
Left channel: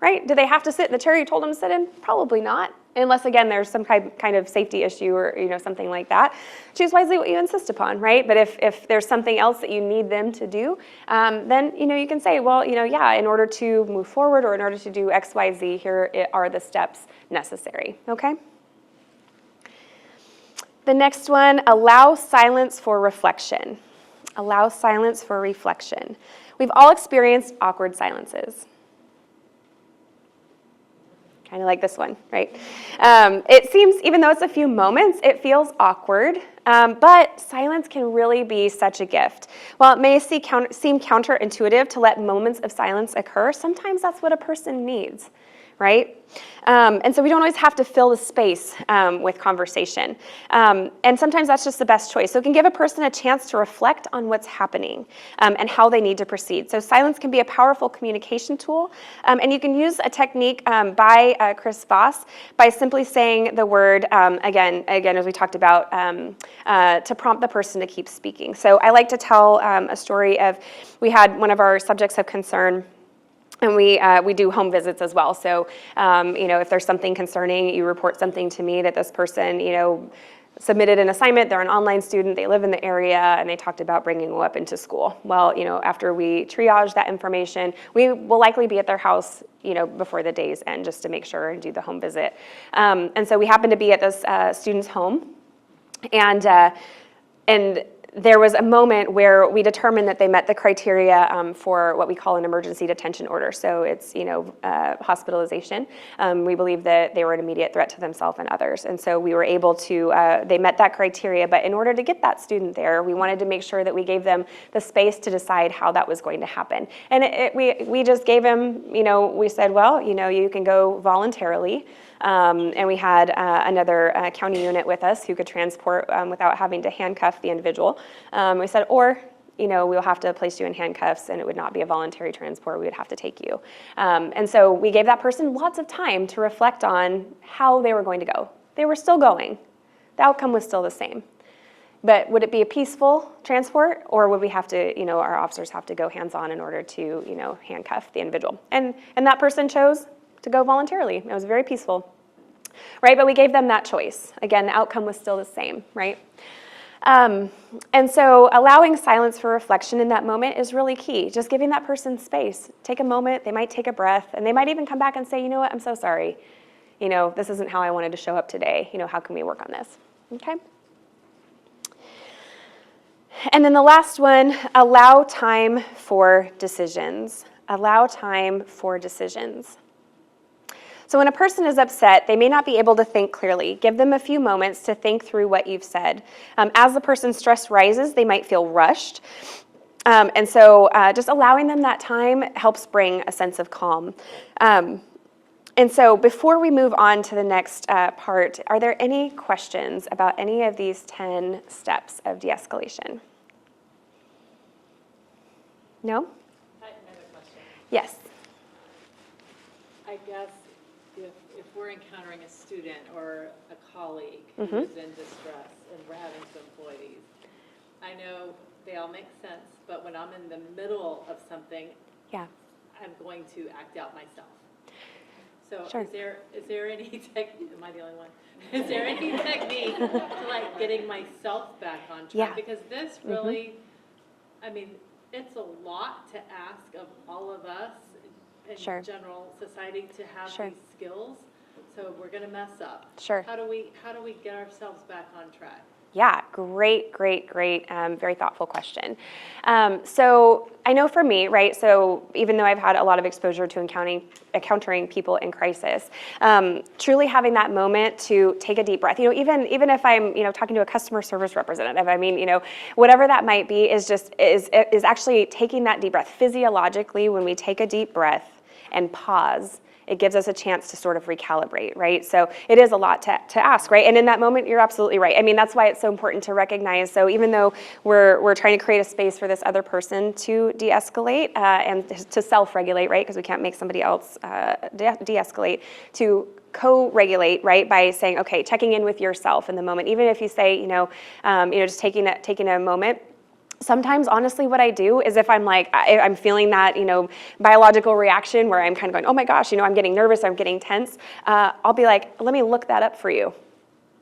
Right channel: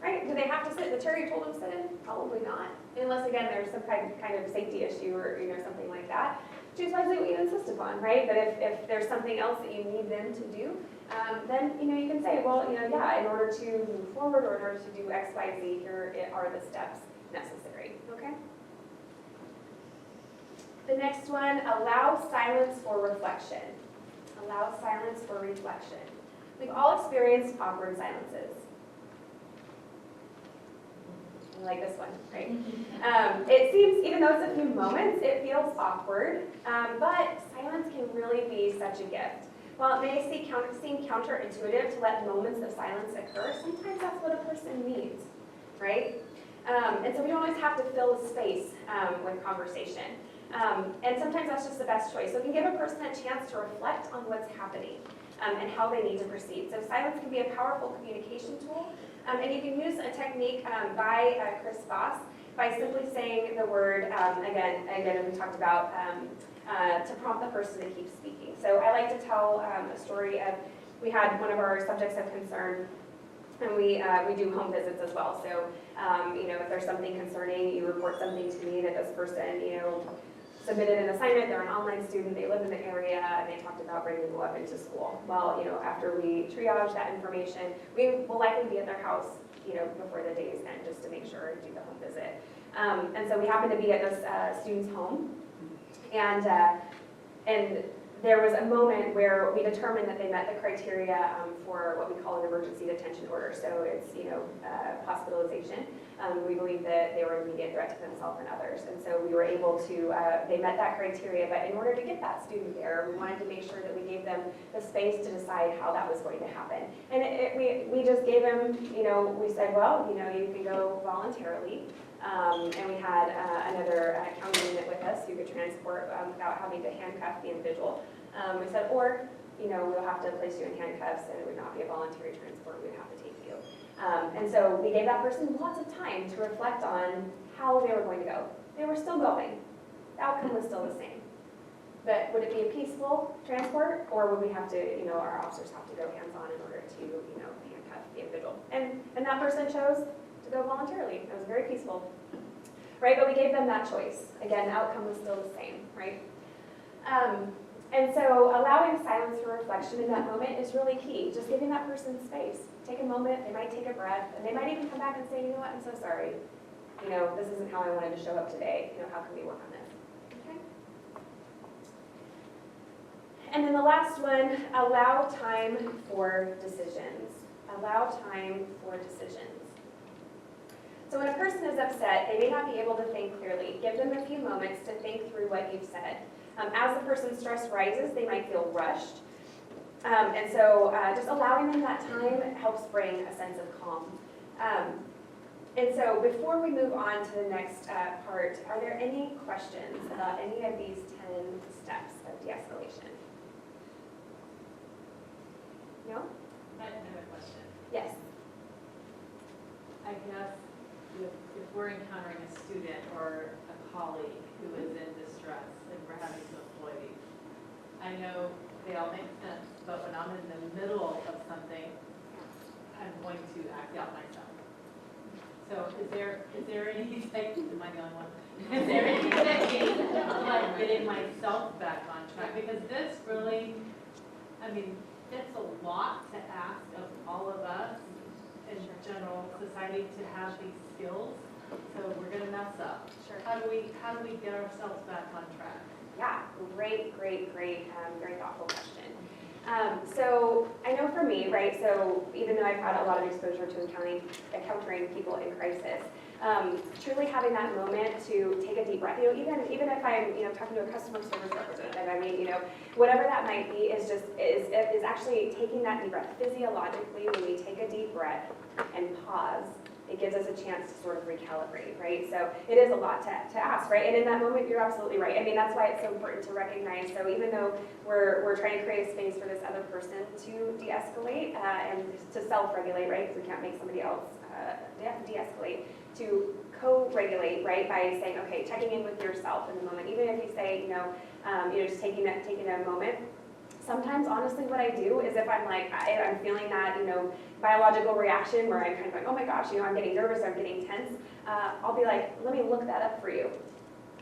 Right? Do they have to sit in the chair you told them to sit in? Probably not. Unless, again, there's some kind of safety issue or, something like that. Choose wisely what you insist upon, right? But if there's something else that you need them to do, then, you can say, well, yeah, in order to move forward or in order to do X, Y, Z, here are the steps necessary, okay? The next one, allow silence for reflection. Allow silence for reflection. We've all experienced awkward silences. Kind of like this one, right? It seems, even though it's a few moments, it feels awkward, but silence can really be such a gift. While it may seem counterintuitive to let moments of silence occur, sometimes that's what a person needs, right? And so we don't always have to fill the space with conversation. And sometimes that's just the best choice. So it can give a person a chance to reflect on what's happening and how they need to proceed. So silence can be a powerful communication tool. And you can use a technique by Chris Voss by simply saying the word, again, as we talked about, to prompt the person to keep speaking. So I like to tell a story of, we had one of our subjects of concern. And we do home visits as well. So, if there's something concerning, you report something to me that this person, submitted an assignment, they're an online student, they live in the area, and they talked about bringing a weapon to school. Well, after we triage that information, we will likely be at their house, before the day's end, just to make sure and do the home visit. And so we happened to be at this student's home, and there was a moment where we determined that they met the criteria for what we call an emergency detention order. So it's, hospitalization. We believe that they were an immediate threat to themselves and others. And so we were able to, they met that criteria. But in order to get that student there, we wanted to make sure that we gave them the space to decide how that was going to happen. And we just gave them, we said, well, you can go voluntarily. And we had another county unit with us who could transport without having to handcuff the individual. We said, or, we'll have to place you in handcuffs and it would not be a voluntary transport, we would have to take you. And so we gave that person lots of time to reflect on how they were going to go. They were still going. The outcome was still the same. But would it be a peaceful transport, or would we have to, our officers have to go hands-on in order to, handcuff the individual? And that person chose to go voluntarily. It was very peaceful, right? But we gave them that choice. Again, the outcome was still the same, right? And so allowing silence for reflection in that moment is really key. Just giving that person space. Take a moment, they might take a breath, and they might even come back and say, you know what, I'm so sorry. This isn't how I wanted to show up today. How can we work on this? Okay? And then the last one, allow time for decisions. Allow time for decisions. So when a person is upset, they may not be able to think clearly. Give them a few moments to think through what you've said. As the person's stress rises, they might feel rushed. And so just allowing them that time helps bring a sense of calm. And so before we move on to the next part, are there any questions about any of these 10 steps of de-escalation? No? I have a question. Yes. I guess if we're encountering a student or a colleague Mm-hmm. who's in distress and we're having to employ these, I know they all make sense but when I'm in the middle of something, Yeah. I'm going to act out myself. So Sure. is there any technique, am I the only one? Is there any technique to like getting myself back on track? Yeah. Because this really, I mean, it's a lot to ask of all of us in Sure. general society to have Sure. these skills. So we're gonna mess up. Sure. How do we get ourselves back on track? Yeah, great, very thoughtful question. So I know for me, right, so even though I've had a lot of exposure to encountering people in crisis, truly having that moment to take a deep breath, even if I'm, talking to a customer service representative, I mean, whatever that might be is actually taking that deep breath. Physiologically, when we take a deep breath and pause, it gives us a chance to sort of recalibrate, right? So it is a lot to ask, right? And in that moment, you're absolutely right. I mean, that's why it's so important to recognize. So even though we're trying to create a space for this other person to de-escalate and to self-regulate, right? Because we can't make somebody else de-escalate, to co-regulate, right? By saying, okay, checking in with yourself in the moment. Even if you say, just taking a moment. Sometimes, honestly, what I do is if I'm like, I'm feeling that, biological reaction where I'm kind of going, oh my gosh, I'm getting nervous, I'm getting tense, I'll be like, let me look that up for you.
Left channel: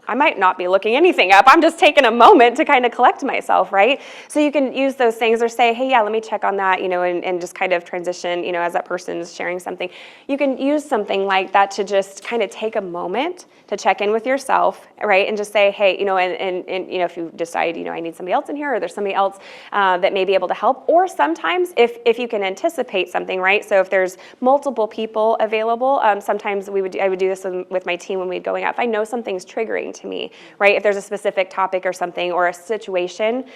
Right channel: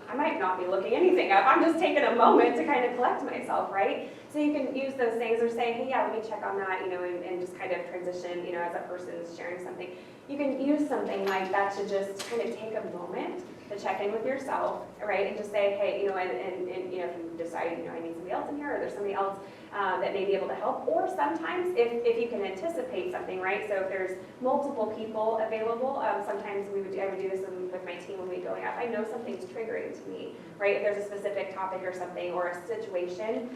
I might not be looking anything up. I'm just taking a moment to kind of collect myself, right? So you can use those things or say, hey, yeah, let me check on that, and just kind of transition, as that person's sharing something. You can use something like that to just kind of take a moment to check in with yourself, right? And just say, hey, and if you decide, I need somebody else in here, or there's somebody else that may be able to help. Or sometimes if you can anticipate something, right? So if there's multiple people available, sometimes I would do this with my team when we'd going out. If I know something's triggering to me, right? If there's a specific topic or something or a situation,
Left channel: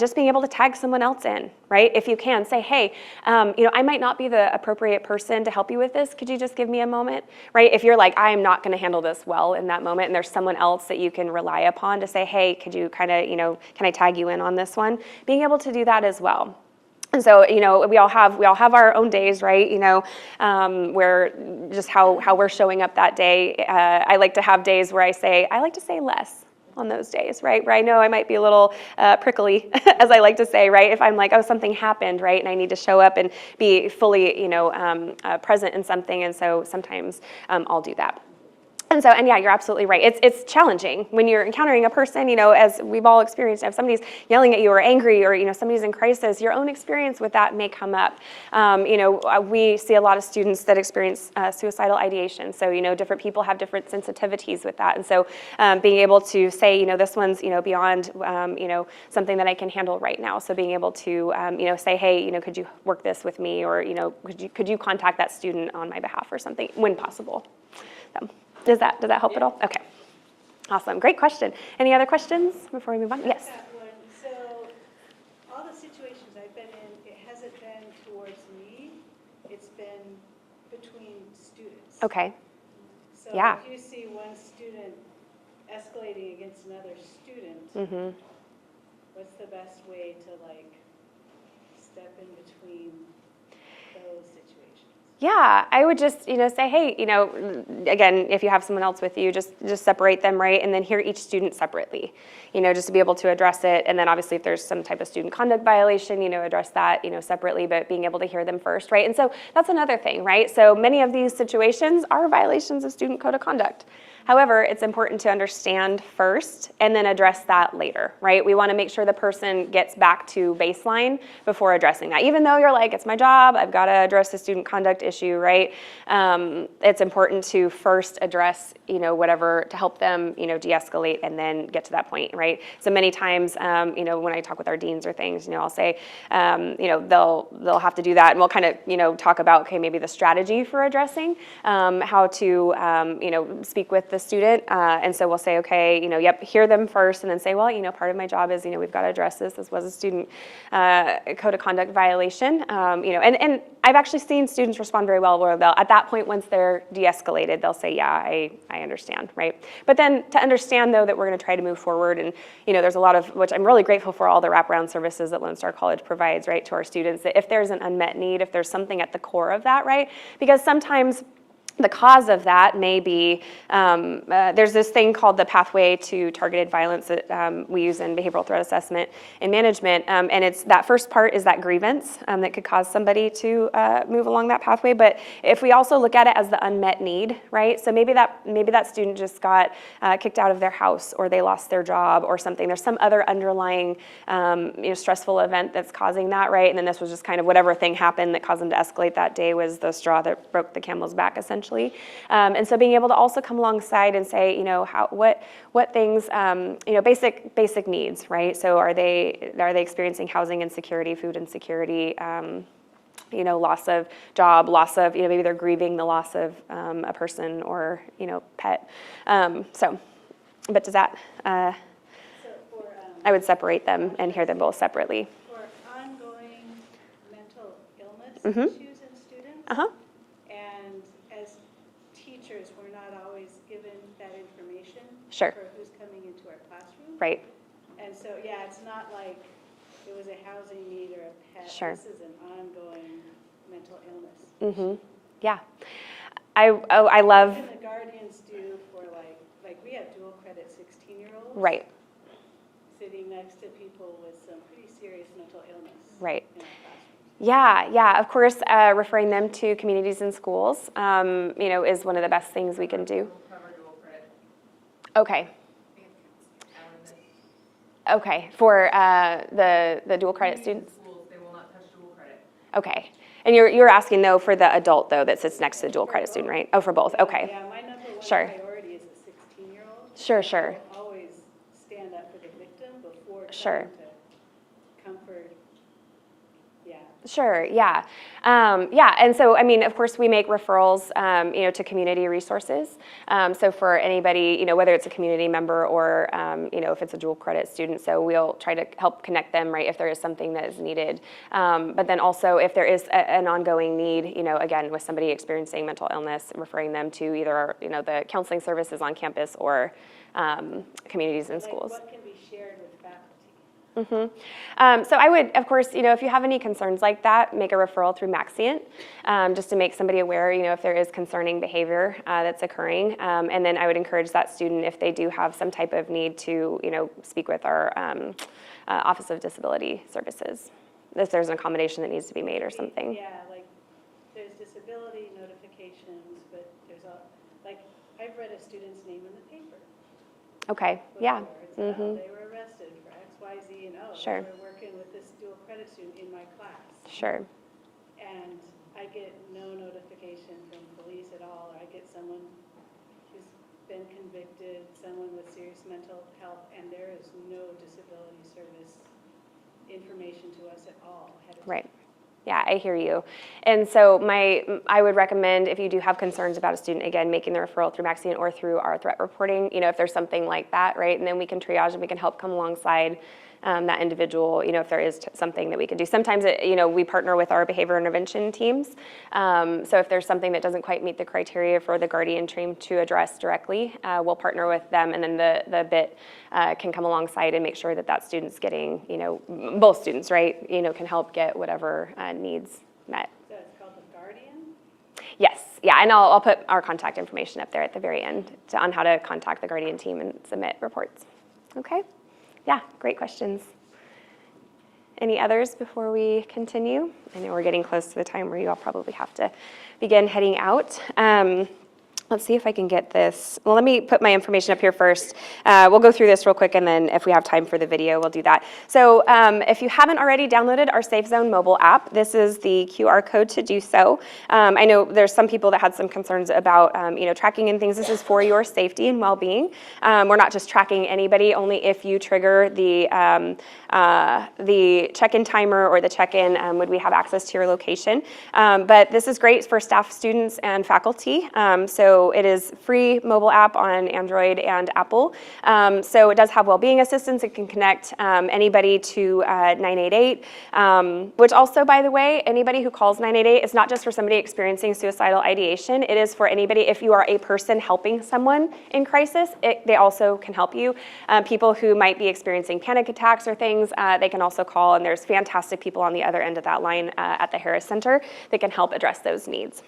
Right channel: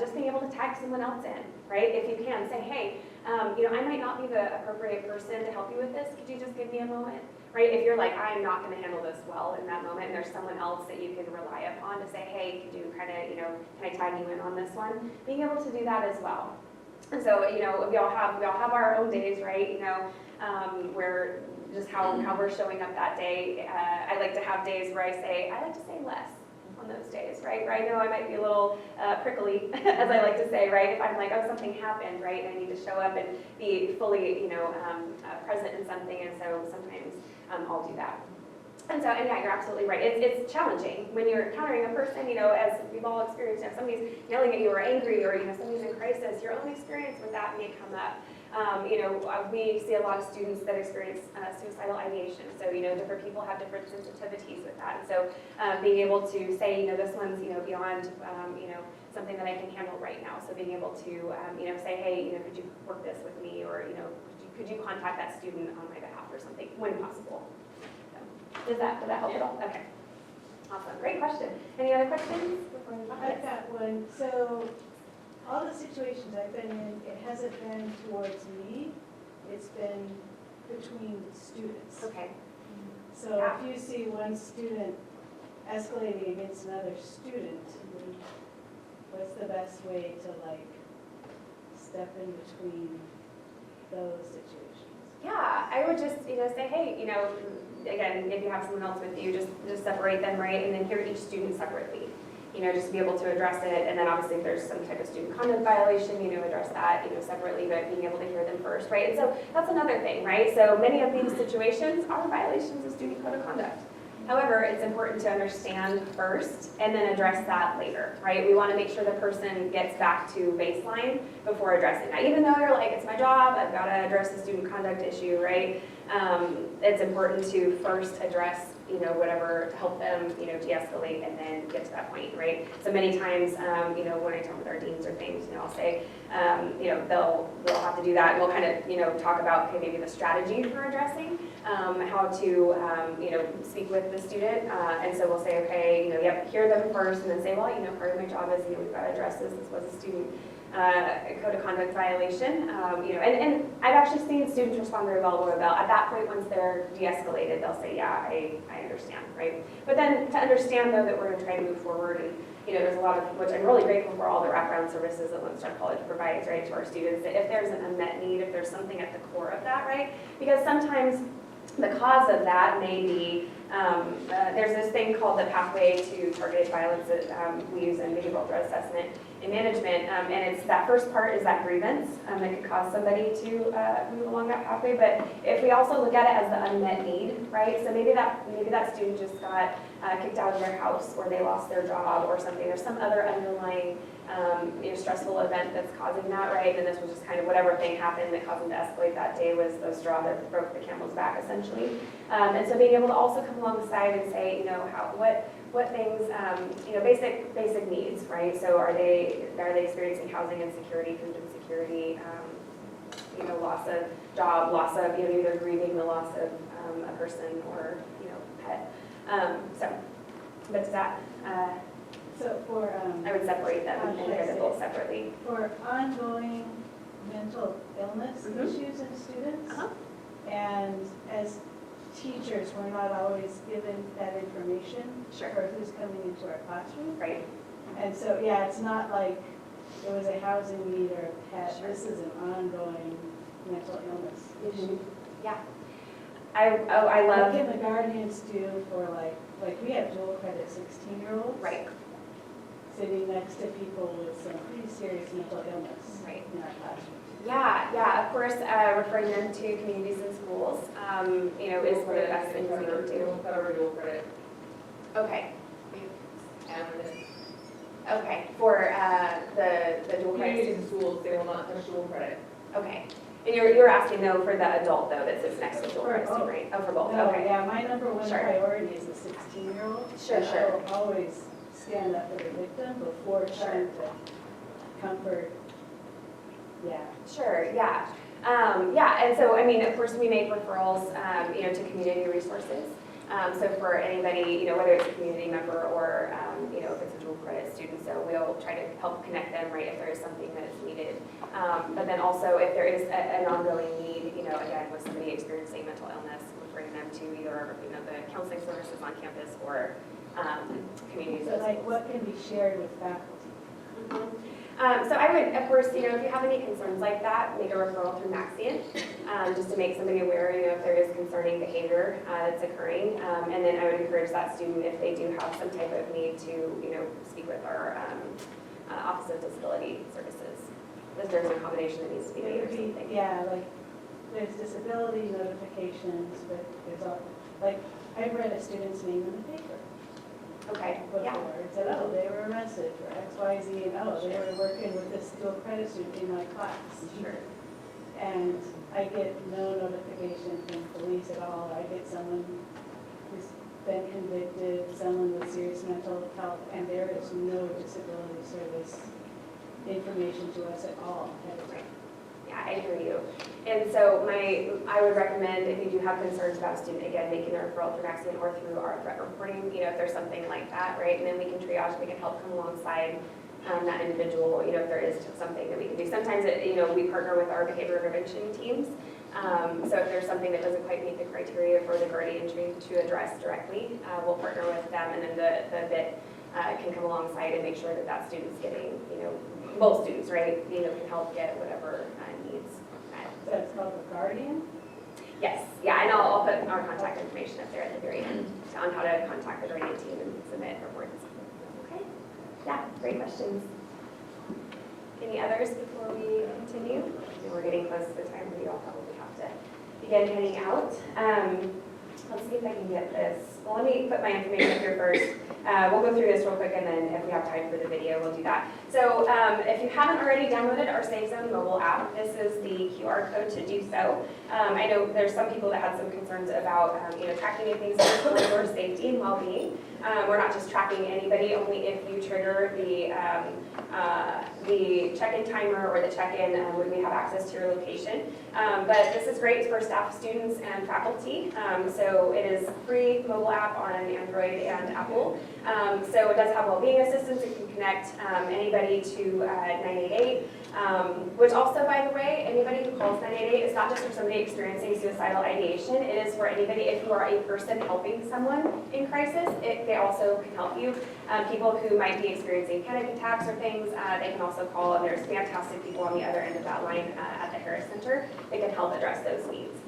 just being able to tag someone else in, right? If you can, say, hey, I might not be the appropriate person to help you with this. Could you just give me a moment, right? If you're like, I am not going to handle this well in that moment, and there's someone else that you can rely upon to say, hey, could you kind of, can I tag you in on this one? Being able to do that as well. And so, we all have our own days, right? Where just how we're showing up that day. I like to have days where I like to say less on those days, right? Where I know I might be a little prickly, as I like to say, right? If I'm like, oh, something happened, right? And I need to show up and be fully, present in something. And so sometimes I'll do that. And yeah, you're absolutely right. It's challenging when you're encountering a person, as we've all experienced. If somebody's yelling at you or angry or, somebody's in crisis, your own experience with that may come up. We see a lot of students that experience suicidal ideation. So, different people have different sensitivities with that. And so being able to say, this one's, beyond, something that I can handle right now. So being able to, say, hey, could you work this with me? Or, could you contact that student on my behalf or something when possible? So, does that help at all? Okay. Awesome. Great question. Any other questions before we move on? Yes. That one. So all the situations I've been in, it hasn't been towards me. It's been between students. Okay. So Yeah. if you see one student escalating against another student, what's the best way to step in between those situations? Yeah, I would just, say, hey, again, if you have someone else with you, just separate them, right? And then hear each student separately, just to be able to address it. And then obviously if there's some type of student conduct violation, address that, separately, but being able to hear them first, right? And so that's another thing, right? So many of these situations are violations of student code of conduct. However, it's important to understand first and then address that later, right? We want to make sure the person gets back to baseline before addressing that. Even though you're like, it's my job, I've got to address the student conduct issue, right? It's important to first address, whatever to help them, de-escalate and then get to that point, right? So many times, when I talk with our deans or things, I'll say, they'll have to do that, and we'll kind of, talk about, okay, maybe the strategy for addressing, how to, speak with the student, and so we'll say, okay, yep, hear them first, and then say, well, part of my job is, we've got to address this. This was a student code of conduct violation, and I've actually seen students respond very well, where at that point, once they're de-escalated, they'll say, yeah, I understand, right? But then to understand, though, that we're going to try to move forward, and there's a lot of, which I'm really grateful for, all the wraparound services that Lone Star College provides, right, to our students, that if there's an unmet need, if there's something at the core of that, right? Because sometimes The cause of that may be, there's this thing called the pathway to targeted violence that we use in behavioral threat assessment and management, and it's that first part is that grievance that could cause somebody to move along that pathway. But if we also look at it as the unmet need, right? So maybe that student just got kicked out of their house, or they lost their job, or something. There's some other underlying stressful event that's causing that, right? And then this was just kind of whatever thing happened that caused them to escalate that day was the straw that broke the camel's back, essentially. And so being able to also come alongside and say, what things, basic needs, right? So are they experiencing housing insecurity, food insecurity, loss of job, loss of, maybe they're grieving the loss of a person or, pet. But does that, So for, I would separate them and hear them both separately. for ongoing mental illness Mhm. issues in students, Uh-huh. and as teachers, we're not always given that information Sure. for who's coming into our classroom. Right. And so, yeah, it's not like it was a housing need or a pet. Sure. This is an ongoing mental illness Mm-hmm. issue. Yeah. I love, What can the guardians do for like we have dual credit 16-year-olds right. sitting next to people with some pretty serious mental illness Right. in our classrooms. Yeah, of course, referring them to communities and schools, is one of the best things we can do. Okay. Okay, for the dual credit students? Schools, they will not touch dual credit. Okay. And you're asking, though, for the adult, though, that sits next to the dual credit student, right? Oh, for both, No, okay. Yeah, my number one Sure. priority is the 16-year-old. Sure. I'll always stand up for the victim before Sure. trying to comfort. Yeah. Sure, yeah. And so, of course, we make referrals, to community resources. So for anybody, whether it's a community member or, if it's a dual credit student, so we'll try to help connect them, right, if there is something that is needed. But then also, if there is an ongoing need, again, with somebody experiencing mental illness, referring them to either, the counseling services on campus or communities and So like schools. what can be shared with faculty? So I would, of course, if you have any concerns like that, make a referral through Maxient, just to make somebody aware, if there is concerning behavior that's occurring. And then I would encourage that student, if they do have some type of need, to, speak with our Office of Disability Services, if there's an accommodation that needs to be made or something. Yeah, like there's disability notifications, but there's all, like I read a student's name in the paper. Okay, Before. yeah. It said, oh, Mhm. they were arrested for X, Y, Z, and oh, Sure. they were working with this dual credit student in my class. Sure. And I get no notification from police at all. I get someone who's been convicted, someone with serious mental health, and there is no disability service information to us at all. Right. Yeah, I hear you. And so I would recommend, if you do have concerns about a student, again, making the referral through Maxient or through our threat reporting, if there's something like that, right? And then we can triage and we can help come alongside that individual, if there is something that we can do. Sometimes, we partner with our behavior intervention teams. So if there's something that doesn't quite meet the criteria for the guardian team to address directly, we'll partner with them, and then the BIT can come alongside and make sure that student's getting, both students, right, can help get whatever needs met. So it's called the Guardian? Yes, yeah, and I'll put our contact information up there at the very end on how to contact the guardian team and submit reports. Okay? Yeah, great questions. Any others before we continue? I know we're getting close to the time where you all probably have to begin heading out. Let's see if I can get this. Well, let me put my information up here first. We'll go through this real quick, and then if we have time for the video, we'll do that. So if you haven't already downloaded our Safe Zone mobile app, this is the QR code to do so. I know there's some people that had some concerns about tracking and things. This is for your safety and well-being. We're not just tracking anybody, only if you trigger the check-in timer or the check-in would we have access to your location. But this is great for staff, students, and faculty. So it is free mobile app on Android and Apple. So it does have well-being assistance. It can connect anybody to 988, which also, by the way, anybody who calls 988 is not just for somebody experiencing suicidal ideation. It is for anybody, if you are a person helping someone in crisis, they also can help you. People who might be experiencing panic attacks or things, they can also call, and there's fantastic people on the other end of that line at the Harris Center that can help address those needs.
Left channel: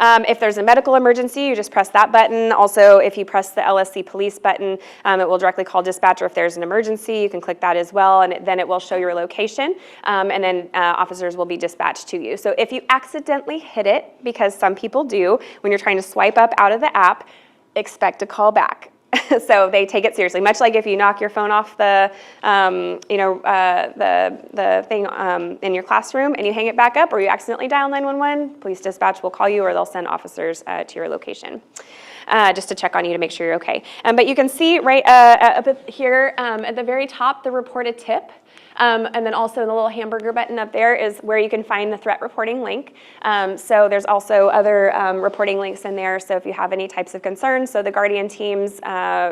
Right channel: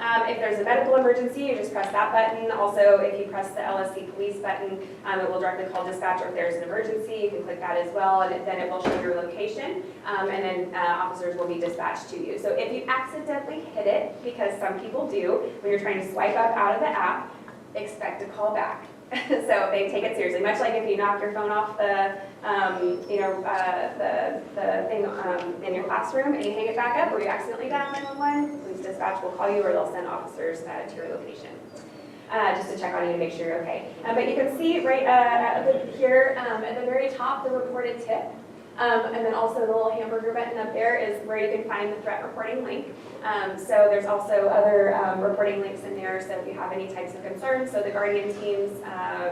If there's a medical emergency, you just press that button. Also, if you press the LSC police button, it will directly call dispatch, or if there's an emergency, you can click that as well, and then it will show your location, and then officers will be dispatched to you. So if you accidentally hit it, because some people do, when you're trying to swipe up out of the app, expect a call back. So they take it seriously, much like if you knock your phone off the thing in your classroom and you hang it back up, or you accidentally dial 911, police dispatch will call you, or they'll send officers to your location. Just to check on you to make sure you're okay. But you can see right up here at the very top the reported tip. And then also the little hamburger button up there is where you can find the threat reporting link. So there's also other reporting links in there. So if you have any types of concerns, so the Guardian team's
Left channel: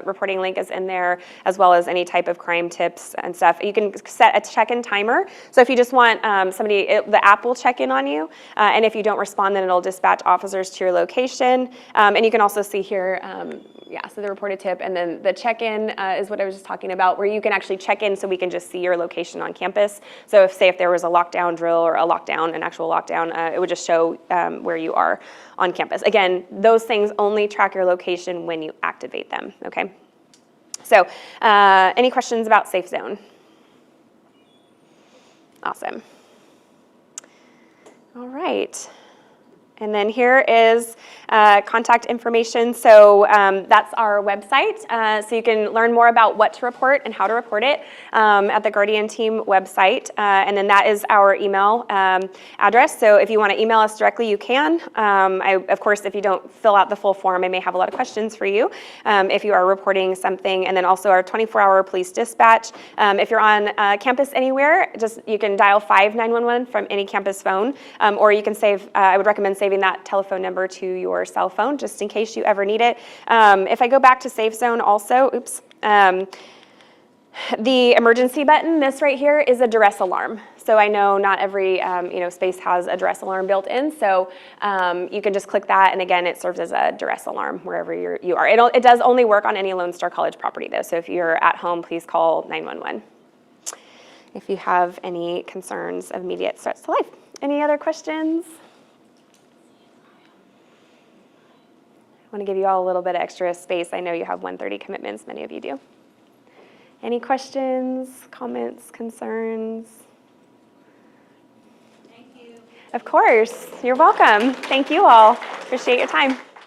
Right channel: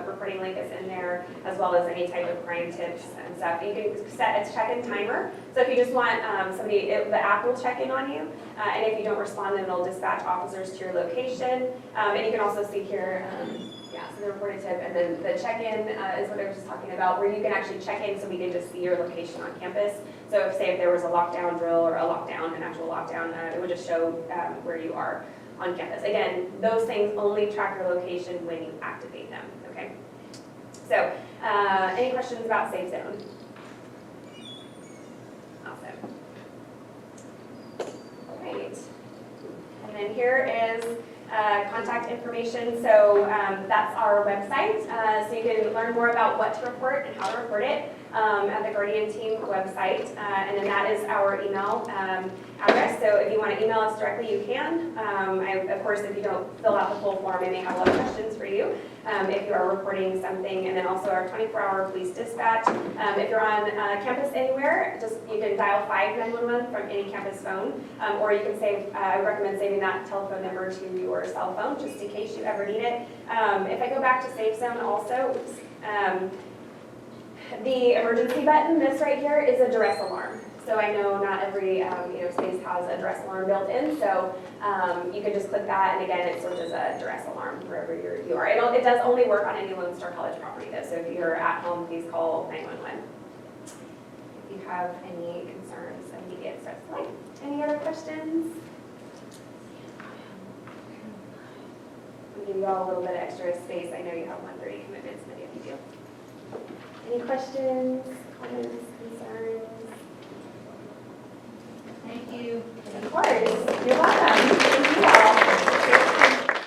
reporting link is in there, as well as any type of crime tips and stuff. You can set a check-in timer. So if you just want the app will check in on you. And if you don't respond, then it'll dispatch officers to your location. And you can also see here, so the reported tip, and then the check-in is what I was just talking about, where you can actually check in so we can just see your location on campus. So if there was a lockdown drill or an actual lockdown, it would just show where you are on campus. Again, those things only track your location when you activate them, okay? So any questions about Safe Zone? Awesome. All right. And then here is contact information. So that's our website. So you can learn more about what to report and how to report it at the Guardian Team website. And then that is our email address. So if you want to email us directly, you can. Of course, if you don't fill out the full form, I may have a lot of questions for you if you are reporting something. And then also our 24-hour police dispatch. If you're on campus anywhere, you can dial 911 from any campus phone, or you can save, I would recommend saving that telephone number to your cell phone, just in case you ever need it. If I go back to Safe Zone also, the emergency button, this right here is a duress alarm. So I know not every space has a duress alarm built in, so you can just click that, and again, it serves as a duress alarm wherever you are. It does only work on any Lone Star College property, though, so if you're at home, please call 911 if you have any concerns of immediate threats to life. Any other questions? I want to give you all a little bit of extra space. I know you have 1:30 commitments, many of you do. Any questions, comments, concerns? Thank you. Of course. You're welcome. Thank you all. Appreciate your time.